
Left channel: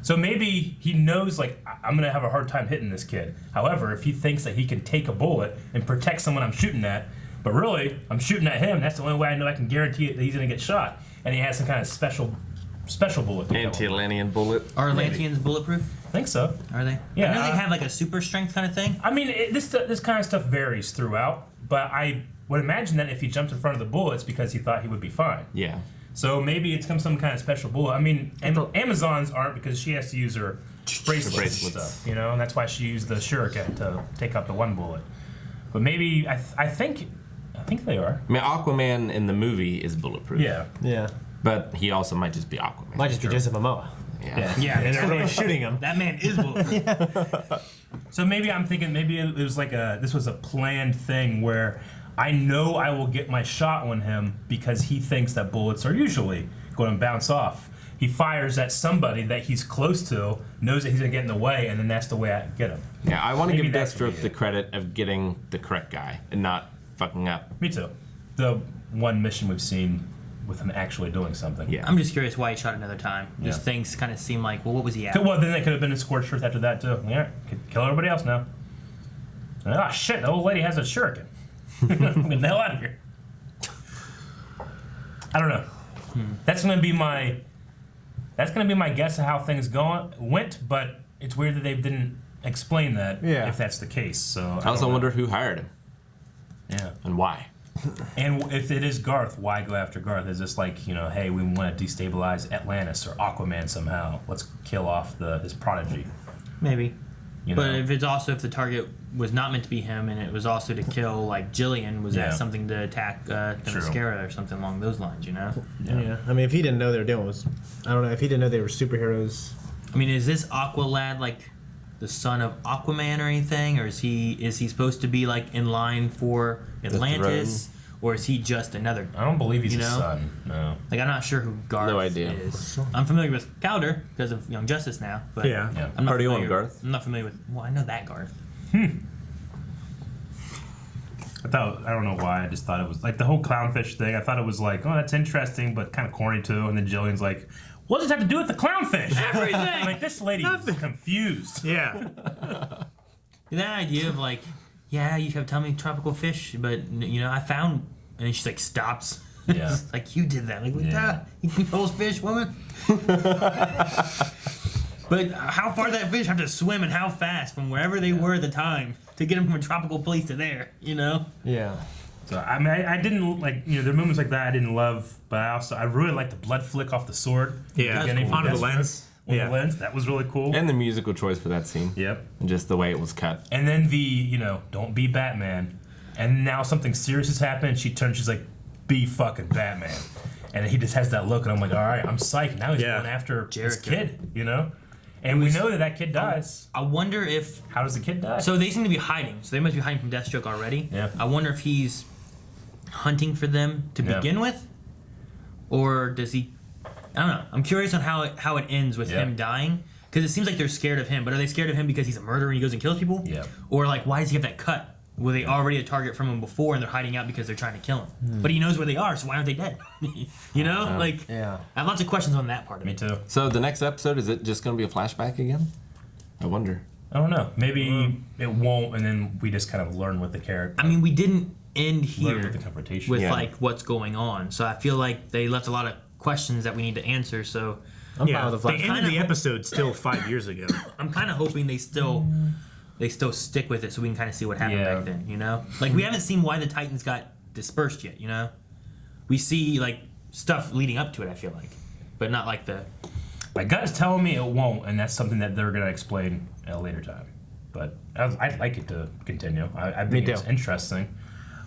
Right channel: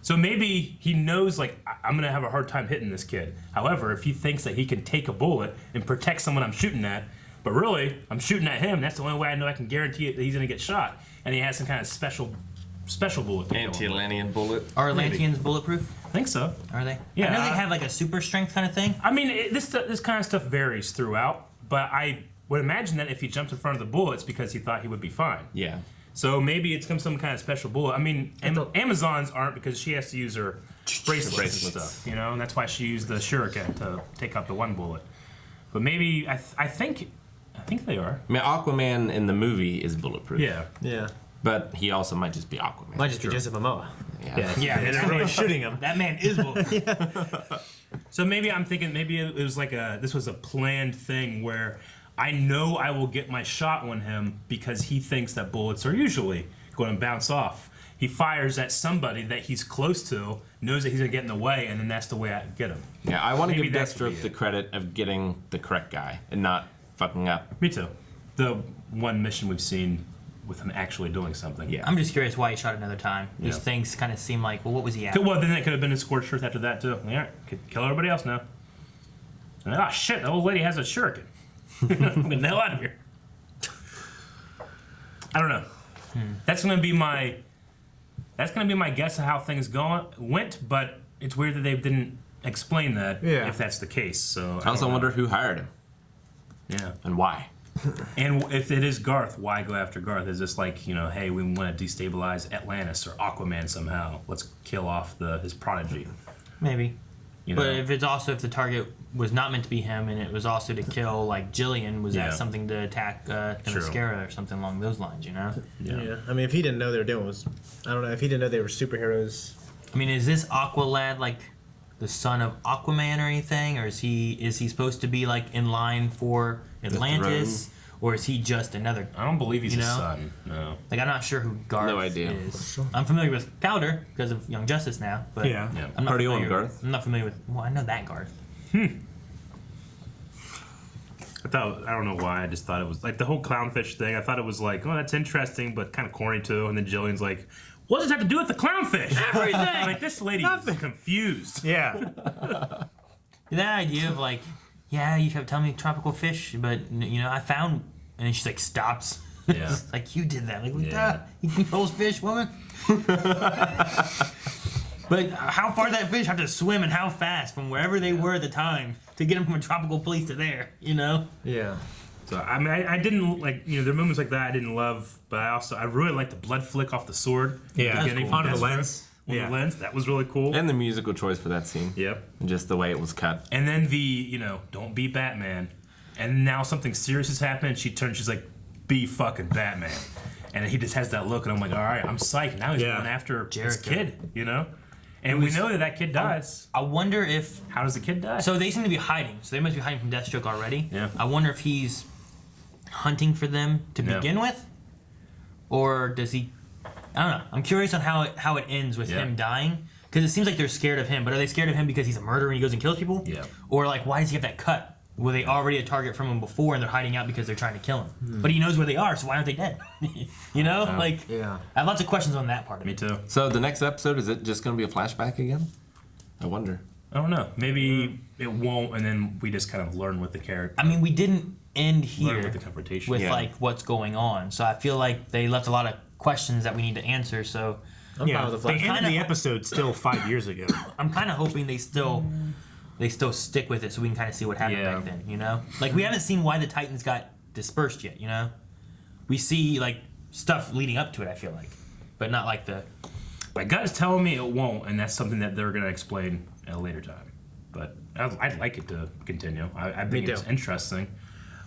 So maybe he knows, like, I'm gonna have a hard time hitting this kid. However, if he thinks that he can take a bullet and protect someone I'm shooting at, but really I'm shooting at him, that's the only way I know I can guarantee that he's gonna get shot. And he has some kind of special bullet. Anti-Atlantean bullet. Are Atlanteans bulletproof? I think so. Are they? Yeah, I know they have like a super strength kind of thing. I mean, this kind of stuff varies throughout, but I would imagine that if he jumped in front of the bullet, it's because he thought he would be fine. Yeah. So maybe it's some kind of special bullet. I mean, Amazons aren't, because she has to use her bracelets and stuff, and that's why she used the shuriken to take out the one bullet. But maybe I think they are. I mean, Aquaman in the movie is bulletproof. Yeah. Yeah. But he also might just be Aquaman. Might just be Jason Momoa. Yeah. Yeah, And everyone's shooting him. that man is bulletproof. So maybe I'm thinking it was like this was a planned thing where I know I will get my shot on him because he thinks that bullets are usually going to bounce off. He fires at somebody that he's close to, knows that he's going to get in the way, and then that's the way I get him. Yeah, I want to Maybe give that could Deathstroke be the it. credit of getting the correct guy and not fucking up. Me too. The one mission we've seen with him actually doing something. Yeah. I'm just curious why he shot another time. These Yeah. things kind of seem like, well, what was he after? Well, then they could have been a scorched earth after that too. Yeah, could kill everybody else now. Ah, shit! The old lady has a shuriken. Get the hell out of here. I don't know. That's gonna be my guess of how things went. But it's weird that they didn't explain that. Yeah. If that's the case, so I also don't know. wonder who hired him Yeah. and why. And if it is Garth, why go after Garth? Is this like, hey, we want to destabilize Atlantis or Aquaman somehow? Let's kill off his prodigy. Maybe. You But know? if the target was not meant to be him, and it was also to kill like Jillian, was Yeah. that something to attack the True. mascara or something along those lines? Yeah. I mean, if he didn't know they were doing was, I don't know, if he didn't know they were superheroes. I mean, is this Aqualad like the son of Aquaman or anything, or is he supposed to be like in line for Atlantis, or is he just another? I don't believe he's You his know? son. No. Like, I'm not sure who Garth No idea. is. I'm familiar with Powder because of Young Justice now, but Yeah. Yeah. I'm not Party on, familiar- Garth. I'm not familiar with. Well, I know that Garth. I don't know why. I just thought it was like the whole clownfish thing. I thought it was like, oh, that's interesting, but kind of corny too. And then Jillian's like, what does it have to do with the clownfish? Everything. Like, this lady is confused. Yeah. That idea of like, yeah, you have tell me tropical fish, but I found, and then she's like stops. Yeah. It's like, you did that. Like, what Yeah. that? You controls fish, woman. But how far did that fish have to swim and how fast from wherever they were at the time to get them from a tropical place to there, you know? Yeah. So I mean, I didn't like, you know, there are moments like that I didn't love, but I really liked the blood flick off the sword. Yeah, Beginning on from the lens. On Yeah. the lens, that was really cool. And the musical choice for that scene. Yep. And just the way it was cut. And then the, you know, don't be Batman. And now something serious has happened. She turns, she's like, be fucking Batman. And he just has that look, and I'm like, all right, I'm psyched. Now he's going after this kid, you know? And we know that kid dies. I wonder if... How does the kid die? So they seem to be hiding. So they must be hiding from Deathstroke already. Yeah. I wonder if he's hunting for them to begin with? Or does he... I don't know. I'm curious on how it ends with him dying. Because it seems like they're scared of him. But are they scared of him because he's a murderer and he goes and kills people? Yeah. Or like, why does he have that cut? Were they already a target from him before and they're hiding out because they're trying to kill him? But he knows where they are, so why aren't they dead? You know? Like, Yeah. I have lots of questions on that part of Me it. too. So the next episode, is it just going to be a flashback again? I wonder. I don't know. Maybe it won't, and then we just kind of learn what the character... I mean, we didn't end learn here with the confrontation. with Yeah. like what's going on. So I feel like they left a lot of questions that we need to answer. So Yeah, with the they flashback. ended the episode still 5 years ago. I'm kind of hoping they still stick with it so we can kind of see what happened Yeah. back then, you know? Like, we haven't seen why the Titans got dispersed yet, you know? We see, like, stuff leading up to it, I feel like. But not like the... My gut is telling me it won't, and that's something that they're going to explain at a later time. But I'd like it to continue. I think it's interesting.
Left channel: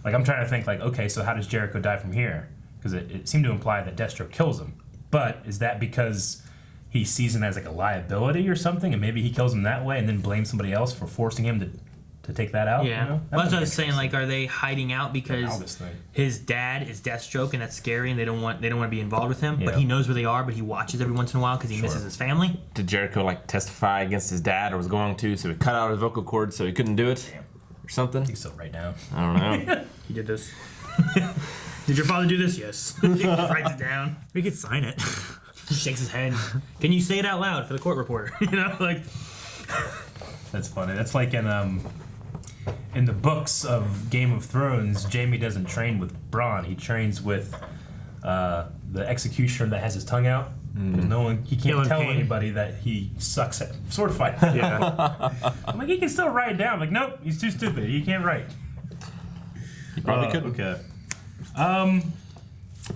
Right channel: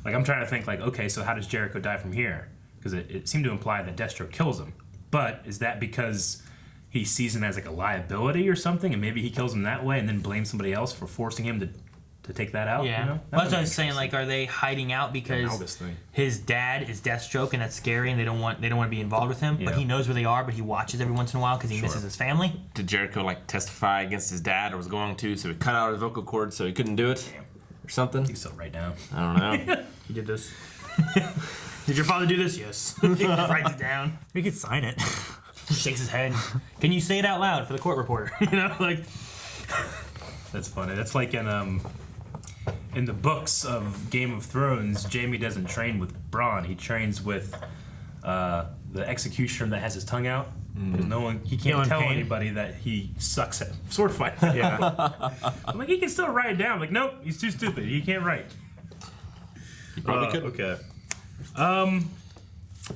Like, I'm trying to think, like, okay, so how does Jericho die from here? Because it seemed to imply that Deathstroke kills him. But is that because he sees him as, like, a liability or something, and maybe he kills him that way and then blames somebody else for forcing him to take that out? Yeah. You know? Well, that's what I was saying. Like, are they hiding out because August thing. his dad is Deathstroke and that's scary and they don't want to be involved with him? Yeah. But he knows where they are, but he watches every once in a while because he misses his family? Did Jericho like testify against his dad or was going to, so he cut out his vocal cord so he couldn't do it? Or something? He's so right now. I don't know. He did this. Did your father do this? Yes. He writes it down. We could sign it. Shakes his head. Can you say it out loud for the court reporter? You know, like... That's funny. That's like in the books of Game of Thrones, Jaime doesn't train with Bronn. He trains with the executioner that has his tongue out. He can't Feeling tell pain. anybody that he sucks at sword fighting. Yeah. I'm like, he can still write it down. I'm like, nope, he's too stupid. He can't write. He probably couldn't. Okay.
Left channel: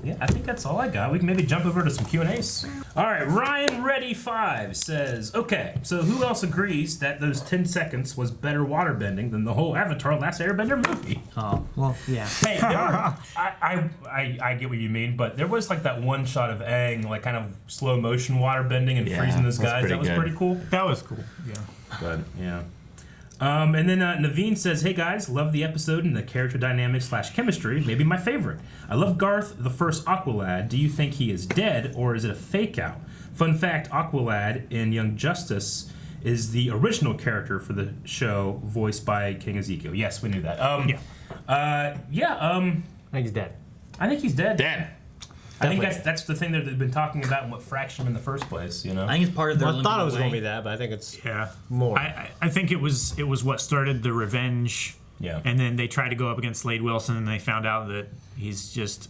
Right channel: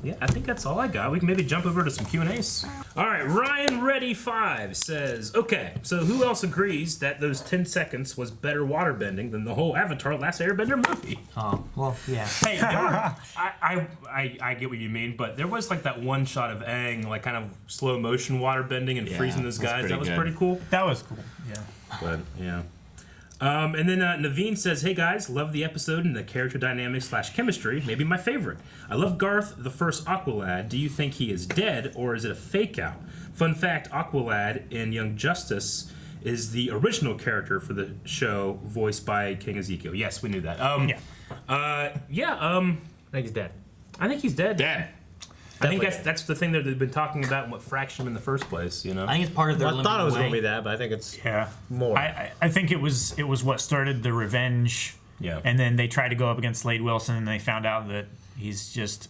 Yeah, I think that's all I got. We can maybe jump over to some Q&As. All right, Ryan Reddy 5 says, okay, so who else agrees that those 10 seconds was better waterbending than the whole Avatar Last Airbender movie? Oh, well, yeah. Hey, I get what you mean, but there was like that one shot of Aang, like kind of slow motion waterbending and Yeah, freezing those that's guys. pretty That was good. pretty cool. That was cool. Yeah. But yeah. And then Naveen says, hey guys, love the episode and the character dynamics / chemistry, maybe my favorite. I love Garth, the first Aqualad. Do you think he is dead or is it a fake out? Fun fact, Aqualad in Young Justice is the original character for the show, voiced by King Ezekiel. Yes, we knew that. Yeah. I think he's dead. I think he's dead. Dead. I think that's the thing that they've been talking about, what fractured him in the first place, you know? I think it's part of their I thought it was going going to be that, but I think it's Yeah. more. I think it was what started the revenge. Yeah. And then they tried to go up against Slade Wilson and they found out that he's just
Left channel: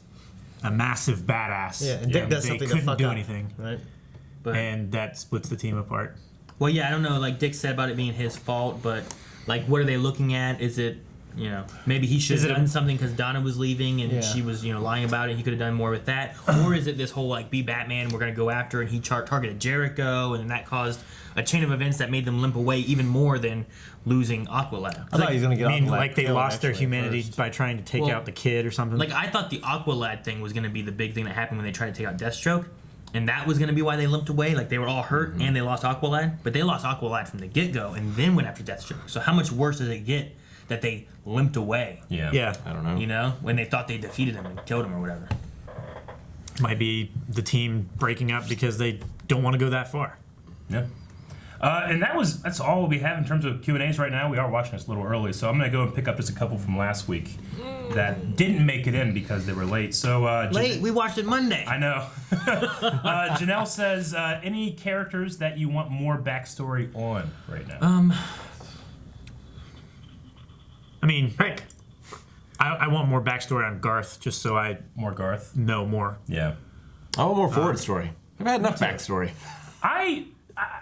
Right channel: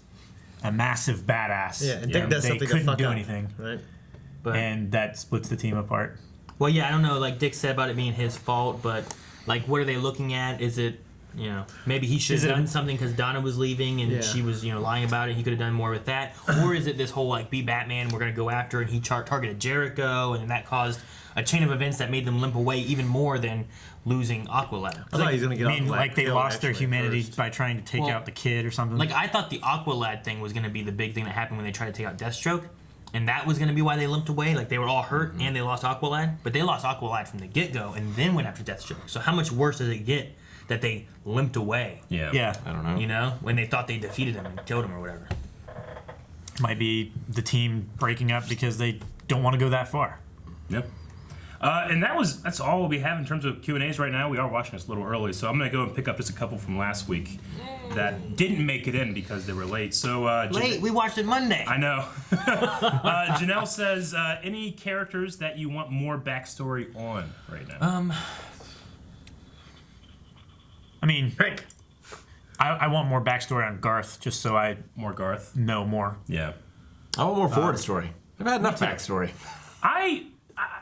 a massive badass. Yeah, and Dick does they something to couldn't fuck do up, anything. Right? But, And that splits the team apart. well, yeah, I don't know. Like Dick said about it being his fault, but like, what are they looking at? Is it, you know, maybe he should Is have it- done something because Donna was leaving and Yeah. she was, you know, lying about it. He could have done more with that. Or is it this whole like, be Batman, we're gonna go after, and he targeted Jericho, and that caused a chain of events that made them limp away even more than losing Aqualad. I thought he was going to get I mean, Aqualad like they killed, lost their actually, humanity first. by trying to take Well, out the kid or something. Like I thought the Aqualad thing was gonna be the big thing that happened when they tried to take out Deathstroke. And that was going to be why they limped away. Like, they were all hurt and they lost Aqualad. But they lost Aqualad from the get-go and then went after Deathstroke. So how much worse does it get that they limped away, Yeah. yeah. I don't know. you know, when they thought they defeated him and killed him or whatever? Might be the team breaking up because they don't want to go that far. Yep. And that's all we have in terms of Q&As right now. We are watching this a little early, so I'm going to go and pick up just a couple from last week that didn't make it in because they were late. So Late, we watched it Monday. I know. Janelle says, any characters that you want more backstory on right now? I mean, I want more backstory on Garth just so I More Garth? know more. Yeah. I want more forward story. I've had enough backstory. I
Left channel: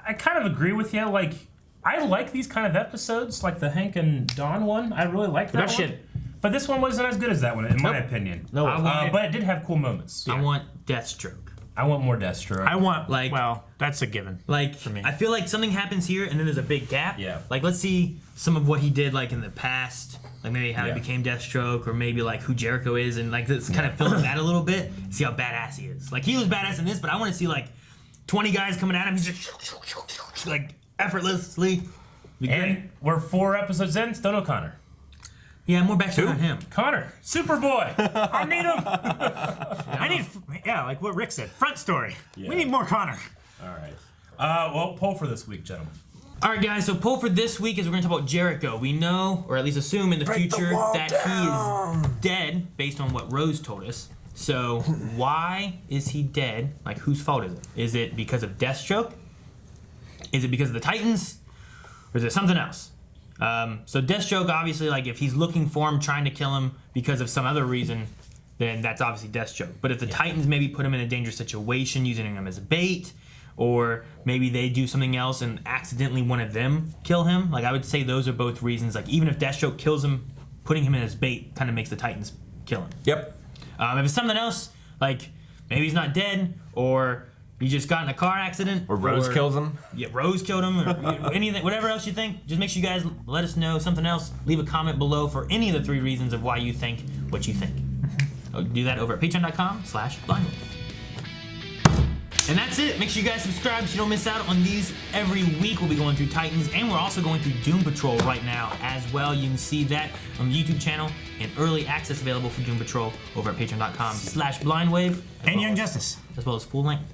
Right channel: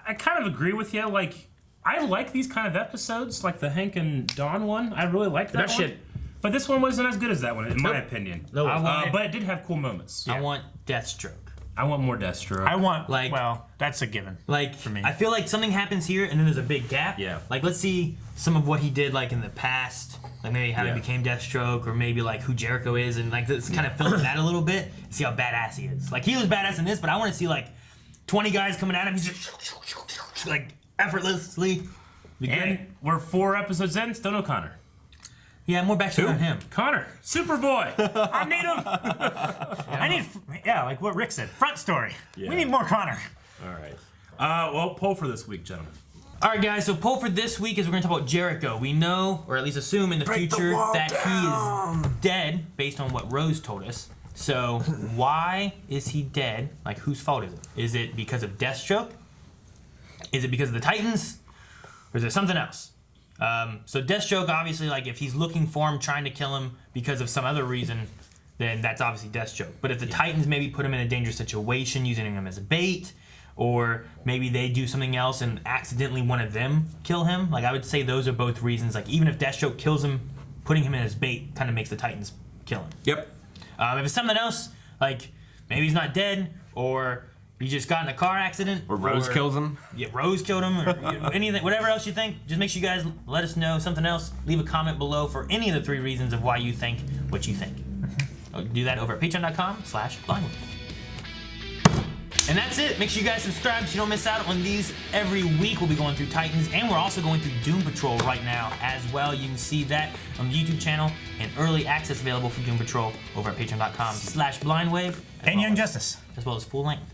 I kind of agree with you. Like, I like these kind of episodes, like the Hank and Dawn one. I really liked that one. shit. But this one wasn't as good as that one, in my opinion. No, but it did have cool moments. I want Deathstroke. I want more Deathstroke. I want Like- well, that's a given. Like, For me. I feel like something happens here and then there's a big gap. Yeah. Like, let's see some of what he did, like, in the past. Like, maybe how he became Deathstroke, or maybe, like, who Jericho is, and, like, let's kind of film that a little bit. See how badass he is. Like, he was badass in this, but I want to see, like, 20 guys coming at him. He's just, like, effortlessly. Be great. And we're 4 episodes in, still no Connor. Yeah, more backstory on him. Connor, Superboy. I need him. I need, like what Rick said, front story. We need more Connor. All right. Well, poll for this week, gentlemen. All right, guys. So poll for this week is we're going to talk about Jericho. We know, or at least assume in the future, that he is dead based on what Rose told us. So why is he dead? Like, whose fault is it? Is it because of Deathstroke? Is it because of the Titans? Or is it something else? So Deathstroke, obviously, like, if he's looking for him, trying to kill him because of some other reason, then that's obviously Deathstroke. But if the Titans maybe put him in a dangerous situation, using him as a bait, or maybe they do something else and accidentally one of them kill him, like, I would say those are both reasons. Like, even if Deathstroke kills him, putting him in as bait kind of makes the Titans kill him. Yep. If it's something else, like, maybe he's not dead, or he just got in a car accident, Or Rose kills him. Yeah, Rose killed him, or anything, whatever else you think. Just make sure you guys let us know something else. Leave a comment below for any of the 3 reasons of why you think what you think. Do that over at patreon.com/blindwave. And that's it. Make sure you guys subscribe so you don't miss out on these every week. We'll be going through Titans, and we're also going through Doom Patrol right now as well. You can see that on the YouTube channel, and early access available for Doom Patrol over at patreon.com/blindwave. And Young Justice. As well as full length